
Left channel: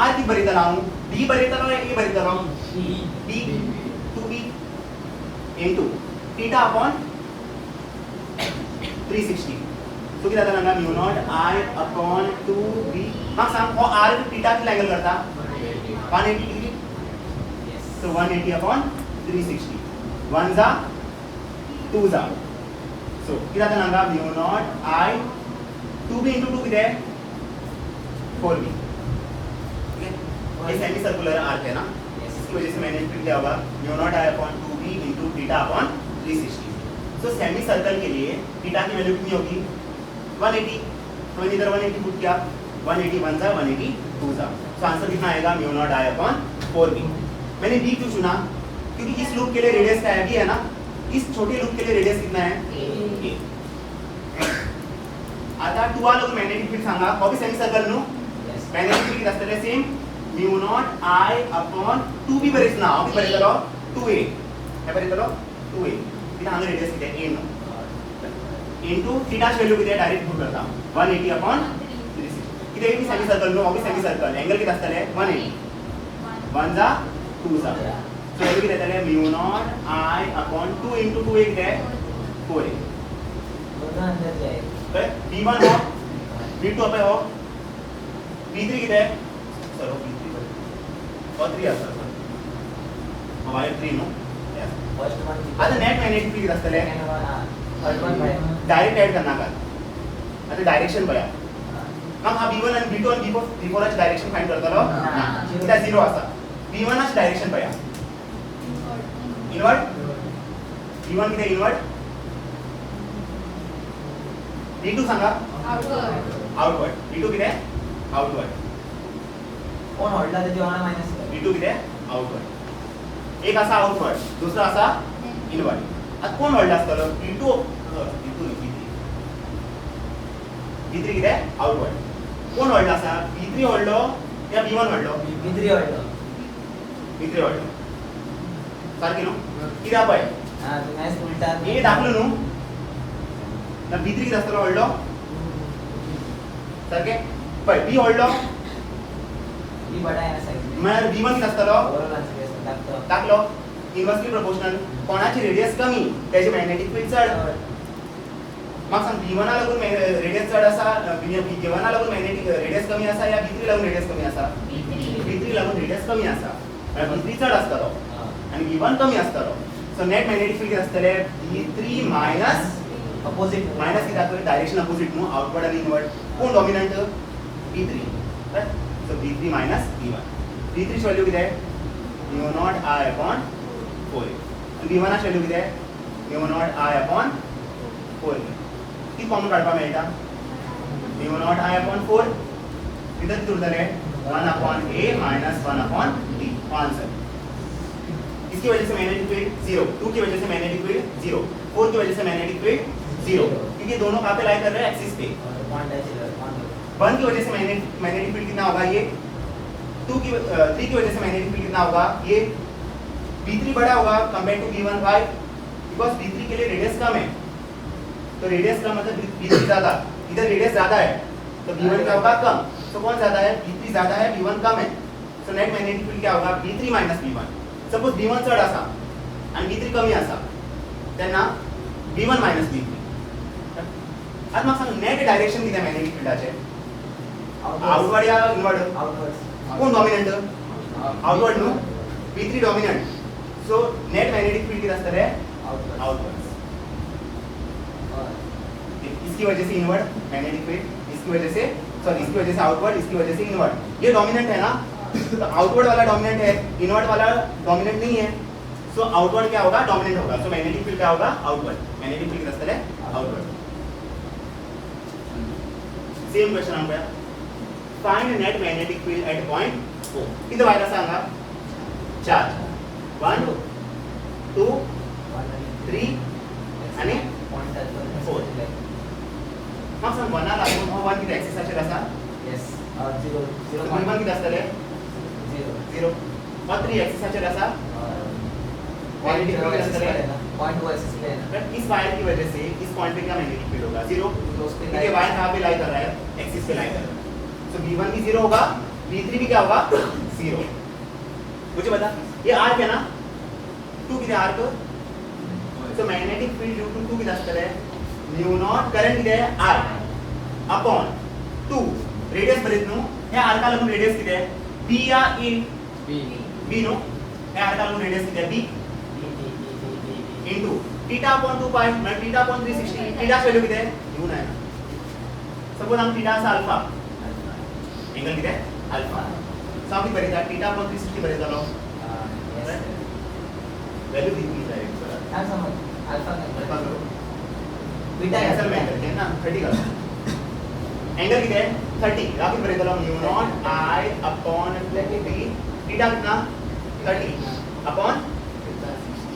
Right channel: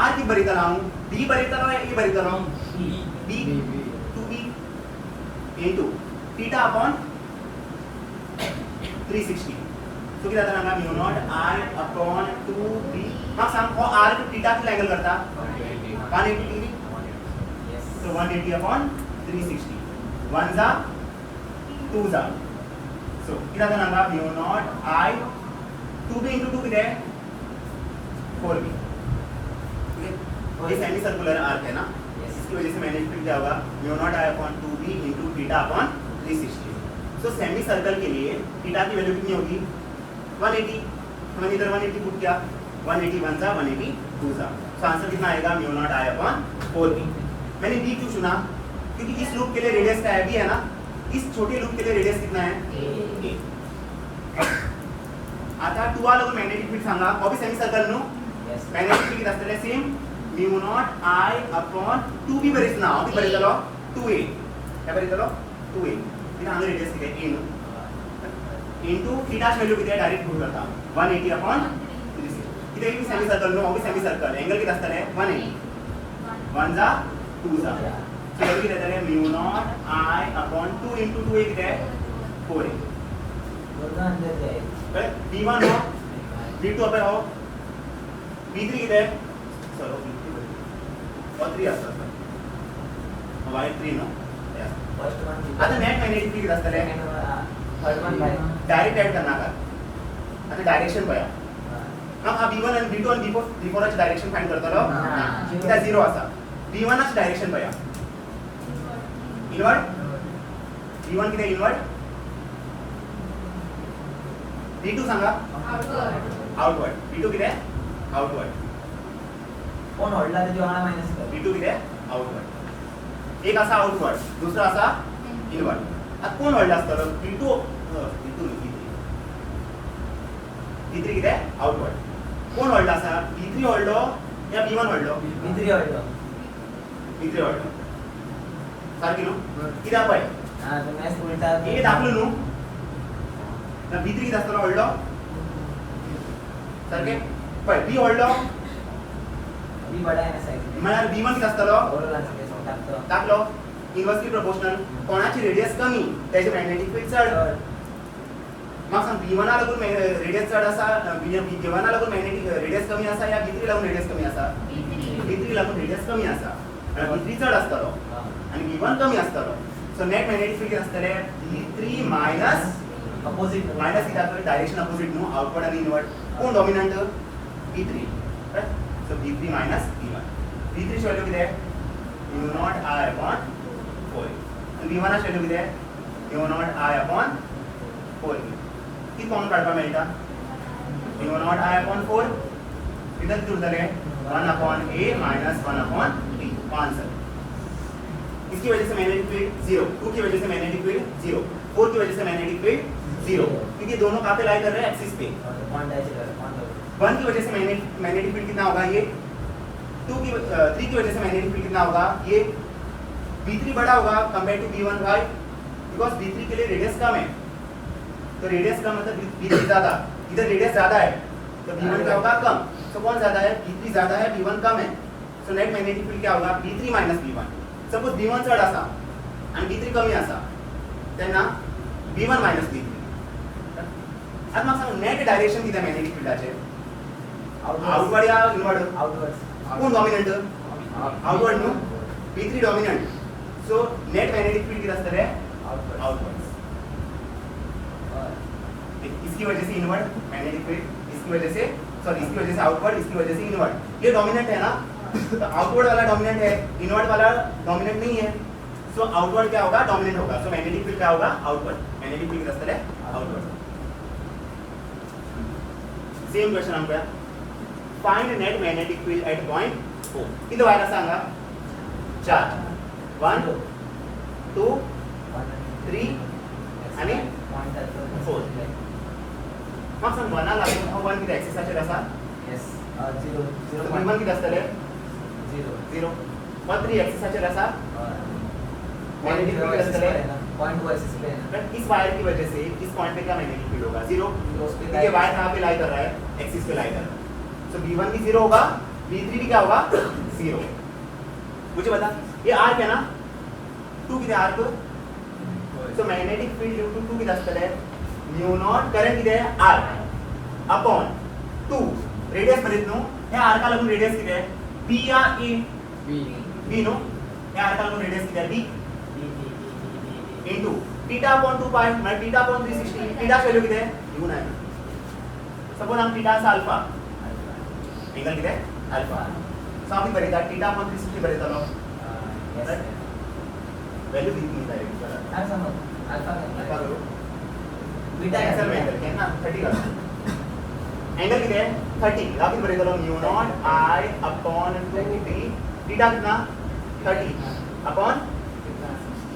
R किती बरयतलो हांव B बरयतलो A बरयतलो B 2B into theta upon 360. So किती जाता ना mu naught I upon 2B. मग सांग हो R थीटा किती अँगल करता 180 डिग्री. So 180 upon 360. 1 जा 2 जा. So किती जाता ना mu naught I 2B into 2 किती आहे 4B. ये सेमी सर्कुलर आर्क है ना इसकी वजह से मैंने फिर क्या होगा mu naught I upon 2B into theta upon 360. तो सेमी सर्कल के लिए थीटा की वैल्यू कितनी होगी 180. तो मैंने इधर 180 पुट किया 180 1 जा 180 2 जा. तो आंसर कितना आएगा mu naught I upon 4B. Maine B क्यों चुना क्योंकि इस लूप के लिए रेडियस क्या है B है ना. इस छोटे लूप के लिए रेडियस कितना है A. आता 2 आलो मॅग्नेटिक फील्ड सांगा कॉपी सेमी सर्कल नो मॅग्नेटिक फील्ड किती असतले same mu not I upon 2B बरेच ना किती बरेतलो 2A काय बरेतलो 2A. किती हांगा रेडियस किती आहे A नो इनटू थीटाची व्हॅल्यू किती आहे डायरेक्ट पुट करता 180 upon 360. किती आहे semi circle no obvious semi circle angle किती असतले 180 1 जा 2 जा. सो व्हॅल्यू किती येतले mu naught I upon 2 into 2A किती आहे 4A. तर B1 हो B2 पे हो B3 किती आहे सर B3 और 3 असतो वायर 3 नो आता नेट मॅग्नेटिक फील्ड असतले डायरेक्ट ऐड करना का आता डायरेक्शन बया मग हा B1 आणि B2 आणि B4 ची डायरेक्शन फाइंड करतलो त्या 0 असा B1 ची डायरेक्शन बया इनवर्ड B1 किती इनवर्ड B2 सांगा आउटवर्ड B2 किती आउटवर्ड कोण होल्डला त्याची आम्हाला मायनस कर B2 किती आउटवर्ड. एक असा आउटवर्ड दुसरा असा इनवर्ड. आता कोण होल्ड असतलो B2 B3 किती आउटवर्ड. कोण होल्ड असा B3 होल्डो या B1 होल्डो B3 होल्डो सारखी नो किती पळय हां तर मॅच उलटा ए दाखलो नु ना B3 किती असतलो होल्डो सारखे पळय बी व्हडलो बी बडा आहे ना साईज म्हळ्यार बी वन किती आसतलो ओव्हरऑल असं दाखतो टाकलो इन्वर्सली प्रोपोर्शनल कोणाची रेडियस कमी त्याचे मॅग्नेटिक फील्ड चड म्हाका सांग बी वना लागून रेडियस चड आसा बी वना लागून मॅग्नेटिक रेडियस कमी आसा या बी थ्री लागून रेडियस कमी आसा बी थ्री लागून रेडियस कमी आसा बी थ्री चड आसतलो आणि बी वन कमी आसतलो सो नेट मॅग्नेटिक फील्ड किती आसतले बी थ्री मायनस अपोजिट मायनस किती आसतले डायरेक्शन अपोजिट न्हू आउटवर्ड आणि इनवर्ड कोण डॉमिनंट बी थ्री सो बी थ्री मायनस बी वन बी थ्री व्हॅल्यू किती म्यू नॉट आय अपॉन 4 आणि बी वन व्हॅल्यू किती म्यू नॉट आय अपॉन 4 किती कॉमन काढपा मेळटा म्यू नॉट आय अपॉन 4 किती किती उरतले 1 upon a minus 1 upon b answer इसकी वजह से मैग्नेटिक फील्ड 0 2 की वजह से मैग्नेटिक फील्ड 0 4 की वजह से मैग्नेटिक फील्ड 0 क्योंकि दोनों कहां पे लाई कर रहे हैं एक्सिस पे 1 की वजह से मैग्नेटिक फील्ड कितना होगा ये 3 की वजह से मैग्नेटिक फील्ड कितना होगा ये b3 बड़ा होगा compare to b1 why because b3 के लिए रेडियस कम है तो रेडियस कम मतलब b3 ज्यादा इधर रेडियस ज्यादा है तो b1 क्या होगा कम तो कौन ज्यादा है b3 ज्यादा है b1 कम है सो नेट मैग्नेटिक फील्ड क्या होगा b3 minus b1 suppose b1 चढ आसा आणि b3 कमी आसा तेन्ना b1 माइनस b3 आता म्हाका सांग नेट डायरेक्शन किती मॅग्नेटिक फील्डाचे आउटवर्ड या इनवर्ड आउटवर्ड कोण डॉमिनंट आउटवर्ड न्हू b3 dominant so net magnetic field किती आसतले आउटवर्ड इसकी वजह से इनवर्ड मैग्नेटिक फील्ड इसकी वजह से आउटवर्ड इसकी वजह से इनवर्ड ये डोमिनेंट है ना तो आउटवर्ड वाला डोमिनेंट है इनवर्ड वाला डोमिनेंट नहीं है सो आउटवर्ड क्या होगा डोमिनेंट होगा सो मैग्नेटिक फील्ड क्या होगा आउटवर्ड मैग्नेटिक फील्ड किती असतले आउटवर्ड सेम क्वेश्चन आमका find net magnetic field at point 4 किती वायला सांगा 4 1 2 3 आणि 4 मग सांग वना लागून हा वन किती एक्सिसचे आसा यस 0 तर वन किती असतले 0 और 3 एक्सिसचे आसा मैग्नेटिक फील्ड असतले पॉइंट वर्सेस प्लेन बट इस वायर की वजह से इस पॉइंट पे क्या मैग्नेटिक फील्ड होगा 0 क्योंकि वायर कहां पे लाई कर रहा है एक्सिस पे लाई कर रहा है सो b1 भी 0 होगा b3 भी क्या होगा 0 मुझे बता ये आर्क है ना 2 किती arc so magnetic field due to 2 किती असतले म्यू नॉट करंट किती आहे r अपॉन 2 रेडियस मध्ये नो हे आर्का लागून रेडियस किती आहे b या a b नो हे आर्का लागून रेडियस किती आहे b into theta upon 2 pi मैं theta upon 360 theta वैल्यू किती आहे घेऊन आहे सपोज हम theta चा अल्फा एंगल किती आहे अल्फा सावकी बरेता theta upon 360 बरेता लो वैल्यू दी डायरेक्ट बराबर काय समज अल्फा करो बीटा कैंसल में एंगल है ना 30 का एंगल किती आहे 30 राखी बरेता लो mu not i upon 3 theta कितना 30 upon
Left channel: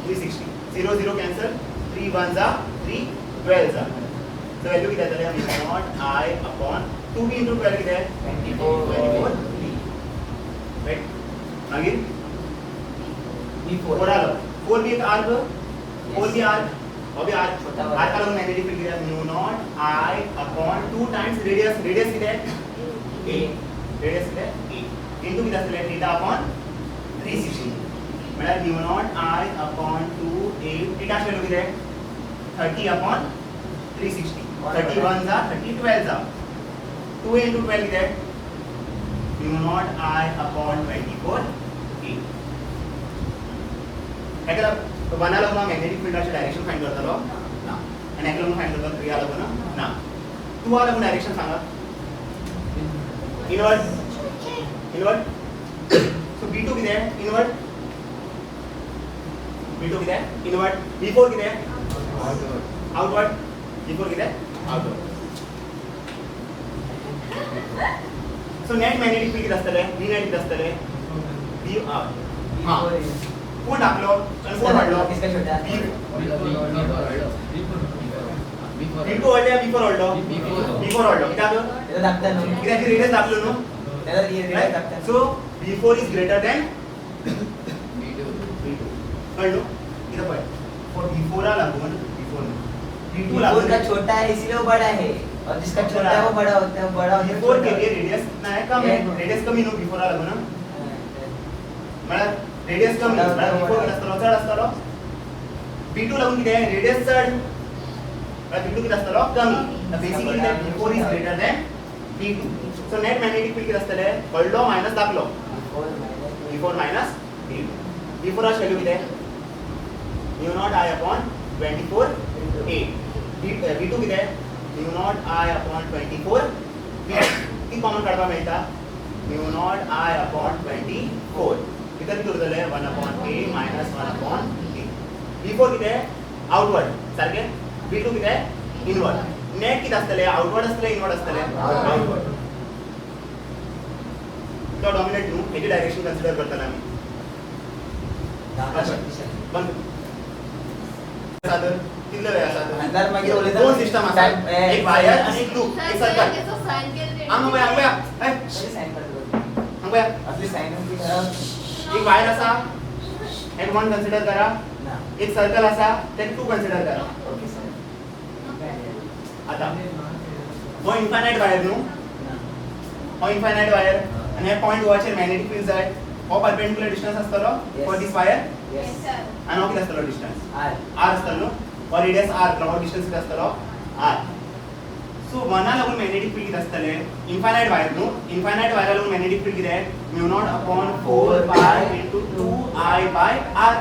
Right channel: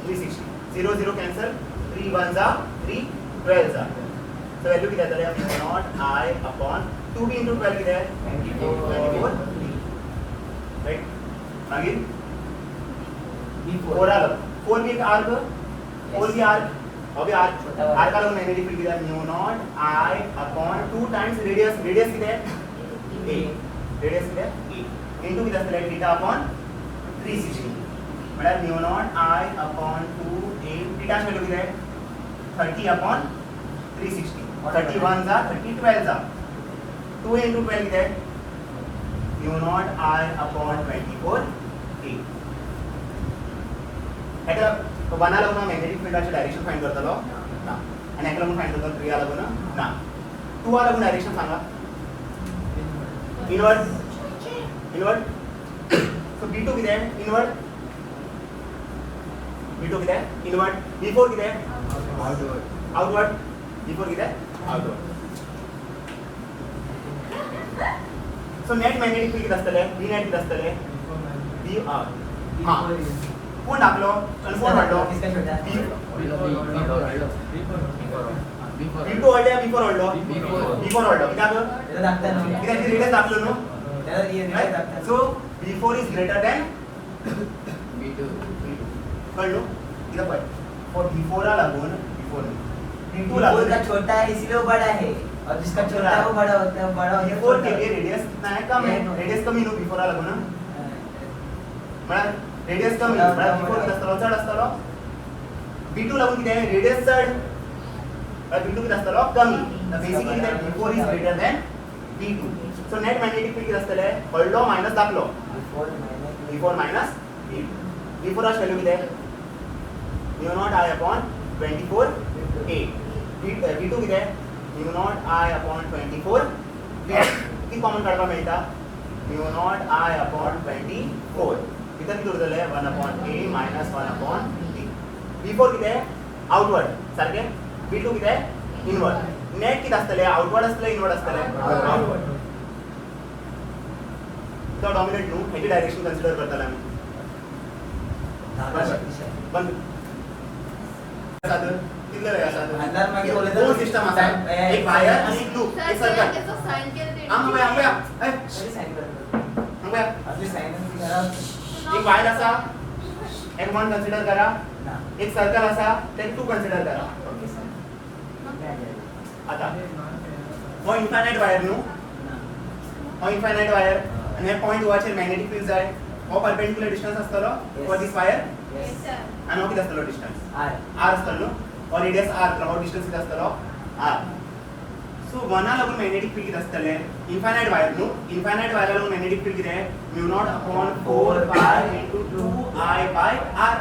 360 0 0 कैंसल 3 1 जा 3 12 जा तो वैल्यू किती आहे तर mu naught i upon 2b into 12 किती आहे 24 राइट आगे b4 आलं 4 भी एक आर्क 4 भी आर्क अभी आर्क आर्क का मैग्नेटिक फील्ड किती आहे mu not i upon 2 times radius किती आहे a रेडियस किती आहे a into किती असले थीटा अपॉन 360 मतलब mu naught i upon 2 a theta value किती आहे 30 अपॉन 360 31 जा 30 12 जा 2 into 12 किती आहे mu not i upon 24 a एकदा तो बना लागून मॅग्नेटिक फील्डचे डायरेक्शन फाइंड करतलो ना आणि एकला म्हणून फाइंड करतलो 3 आ लागून ना 2 आ लागून डायरेक्शन सांगा इनवर्ट सो b2 किती आहे इनवर्ट b2 किती आहे इनवर्ट b4 किती आहे आउटवर्ड b4 किती आहे outward so net magnetic field किती असतले b नेट किती असतले b हां कोण टाकलो आणि कोण वाढलो किसका छोटा b2 वाढले b4 वाढलो b4 वाढलो किती आलो त्याला दाखता ना किती रेडियस दाखलो नो त्याला रियल दाखता so b4 is greater than कळलो इधर पढ़ और b4 आ लागून b4 b2 लागून का छोटा है इसलिए वो बड़ा है और जिसका छोटा है वो बड़ा होता है, बड़ा होता है बिफोर के लिए रेडियस कितना है कम है, रेडियस कमी नो बिफोर आला ना मला रेडियस कमी मला बिफोर किती असतो चढ असतो b2 लागून किती आहे रेडियस चढ b2 किती असतो कमी तर basically that before is greater than b2 so net magnetic field किती असतले पडलो मायनस दाखलो before minus b2 before ची व्हॅल्यू किती आहे mu naught I upon 24 a b2 किती आहे mu naught I upon 24 b किती कॉमन काढवा मिळता mu naught I upon 24 इथं किती उरले 1 upon a minus 1 upon b b4 किती आहे आउटवर्ड सारखे b2 किती आहे इनवर्ड नेट किती असतले आउटवर्ड असतले इनवर्ड असतले आउटवर्ड तो डॉमिनेट नु याची डायरेक्शन कन्सिडर करताना आम्ही बंद साधन कितले वेळ अंदाज मागे बोलले दोन सिस्टम असतात एक वायर आणि एक लूप सर एक सर सर्कल त्याचं साइन केलं आंबया कशी साइन करतो आंबया आपली साइन ती करा एक वायर असा एक वन कन्सिडर करा ना एक सर्कल असा त्यात टू कन्सिडर करा ओके सर आता हो इन्फायनाइट वायर नु ना हो इन्फायनाइट वायर आणि हे पॉइंट वाचर मॅग्नेटिक फील्ड आहे हो परपेंडिक्युलर डिस्टन्स असतो for this wire yes sir आणि हो किती असतो डिस्टन्स आर r असतो और रेडियस r हो डिस्टन्स किती असतो r सो वना लागून मॅग्नेटिक फील्ड किती असतले इन्फायनाइट वायर नु इन्फायनाइट वायर लागून मॅग्नेटिक फील्ड किती आहे म्यू नॉट अपॉन 4 पाय into 2i bye r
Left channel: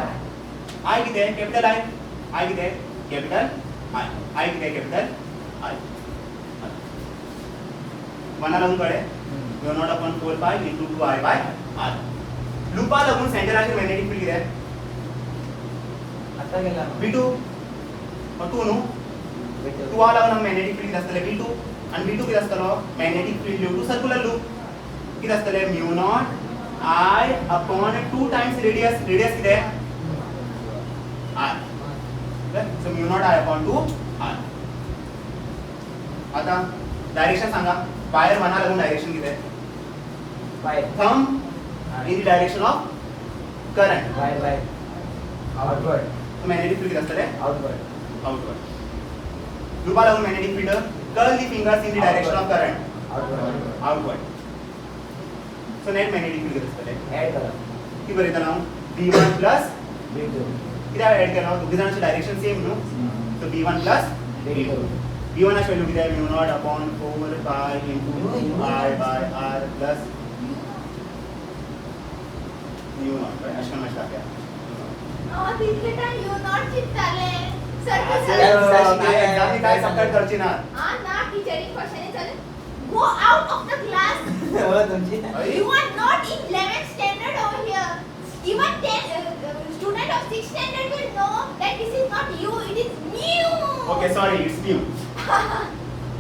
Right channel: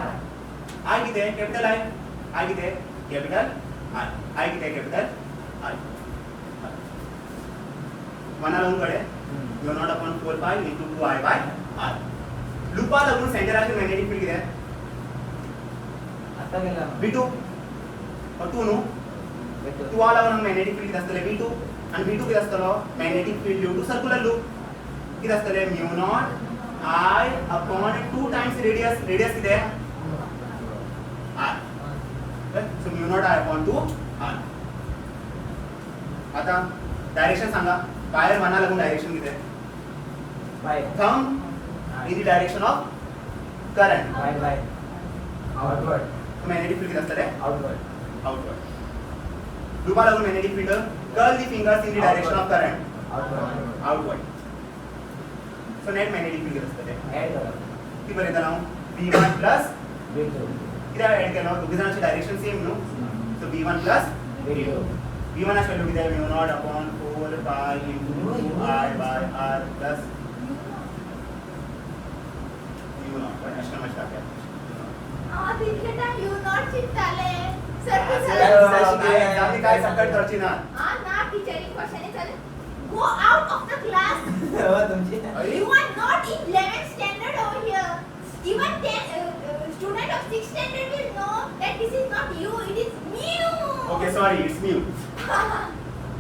i किती आहे कॅपिटल i किती आहे कॅपिटल i किती आहे कॅपिटल i वना लागून कडे म्यू नॉट अपॉन 4 पाय इनटू 2i बाय r लूपा लागून सेंटरचे मॅग्नेटिक फील्ड किती आहे आता गेला b2 और 2 नो बेटो 2 आला म्हणून मॅग्नेटिक फील्ड किती असतले b2 आणि b2 किती असतलो magnetic field due to circular loop किती असतले mu naught I upon 2 times radius किती आहे r so mu not I upon 2 r आता डायरेक्शन सांगा वायर वना लागून डायरेक्शन किती आहे by thumb in the direction of current by outward so magnetic field किती असतले आउटवर्ड outward लूपा लागून magnetic field curl the fingers in the direction of current outward outward so net magnetic field किती असतले ऍड करा किती बरं येता b1 plus बेटो किती ऍड करणार दोघी जणांची direction same no so b1 plus बेटो b1 ची व्हॅल्यू किती आहे mu naught upon 4 pi into 2i by r plus mu naught अशा मस्त टाकूया तिथे टाइम यू नॉट चिंताले सर एक्झामनी काय सबमिट करची ना ना टीचरिंग क्वेश्चन चाले go out of the class हो तुमची you are not in 11th standard over here even 10 student of 6th standard will know that this is not you it is new okay sorry it's new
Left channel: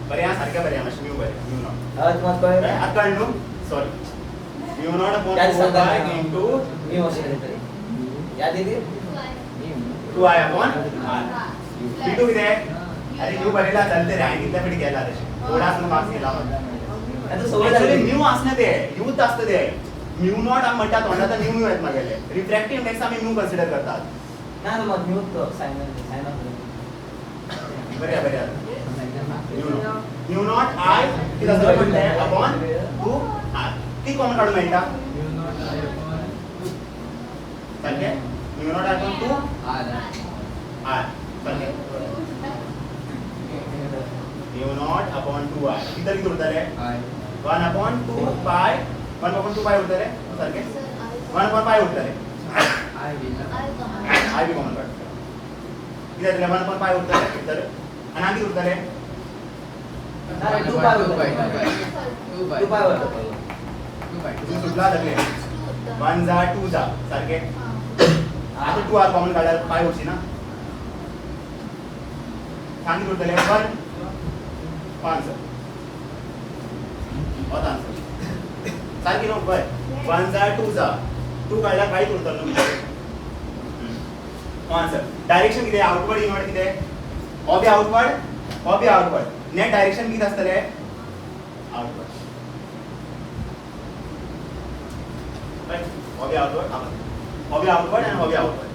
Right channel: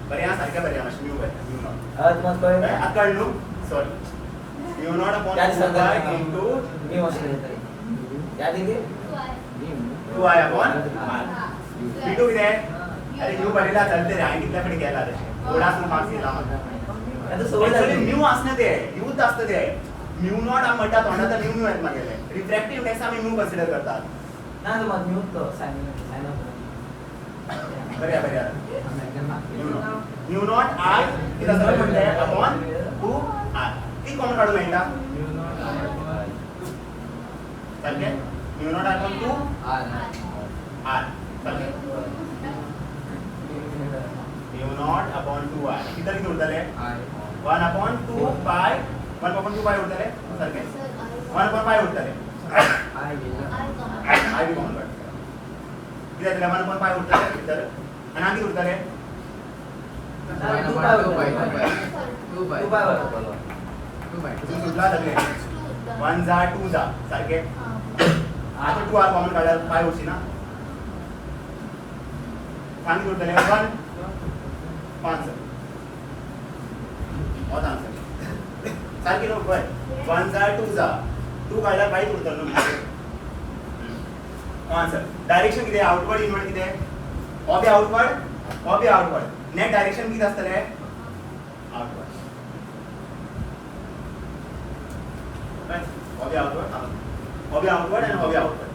बरे या सारख्या बरे या मस्त न्यू बरे न्यू नॉट आज मत कर अक्कल new sorry mu naught upon 4 into मी असेल तरी याद येते 2i upon r b2 किती आहे अरे न्यू बरेला चालते रे आणि कितल्याकडे गेला रे थोडाच मार्क्स गेला आता सवय ऍक्च्युअली लागली न्यू असणे ते न्यूच असतं ते म्यू नॉट आम म्हणतात तोंडाचा न्यू न्यू आहेत मागेले रिफ्रॅक्टिव्ह इंडेक्स आम्ही न्यू कन्सिडर करतात ना तो मत म्यूट तो साइन बरे बरे म्यू नॉट आय किती असं म्हणते अपॉन 2 r ती कॉमन काढून मिळता चालते म्यू नॉट अपॉन 2 r चालते म्यू नॉट अपॉन 2 r किती किती उरतले 1 upon 2 pi 1 upon 2 pi उरतले सारखे 1 upon pi उरतले I भी कॉमन काढतो किती आहे 1 upon pi उरतले तर आणि आधी उरतले टू पाय होता तू सुटला लागले 1 जा 2 जा सारखे आता 2 r कॉमन काढायला pi होची ना आणि उरतले 1 5 और आंसर सारखी नोट बर 1 जा 2 जा 2 काढला काय उरतलो आंसर डायरेक्शन किती आहे आउटवर्ड इनवर्ड किती आहे ऑबे आउटवर्ड नेट डायरेक्शन किती असतले आउटवर्ड राइट ऑबे आउटवर्ड आणि ऑबे आउटवर्ड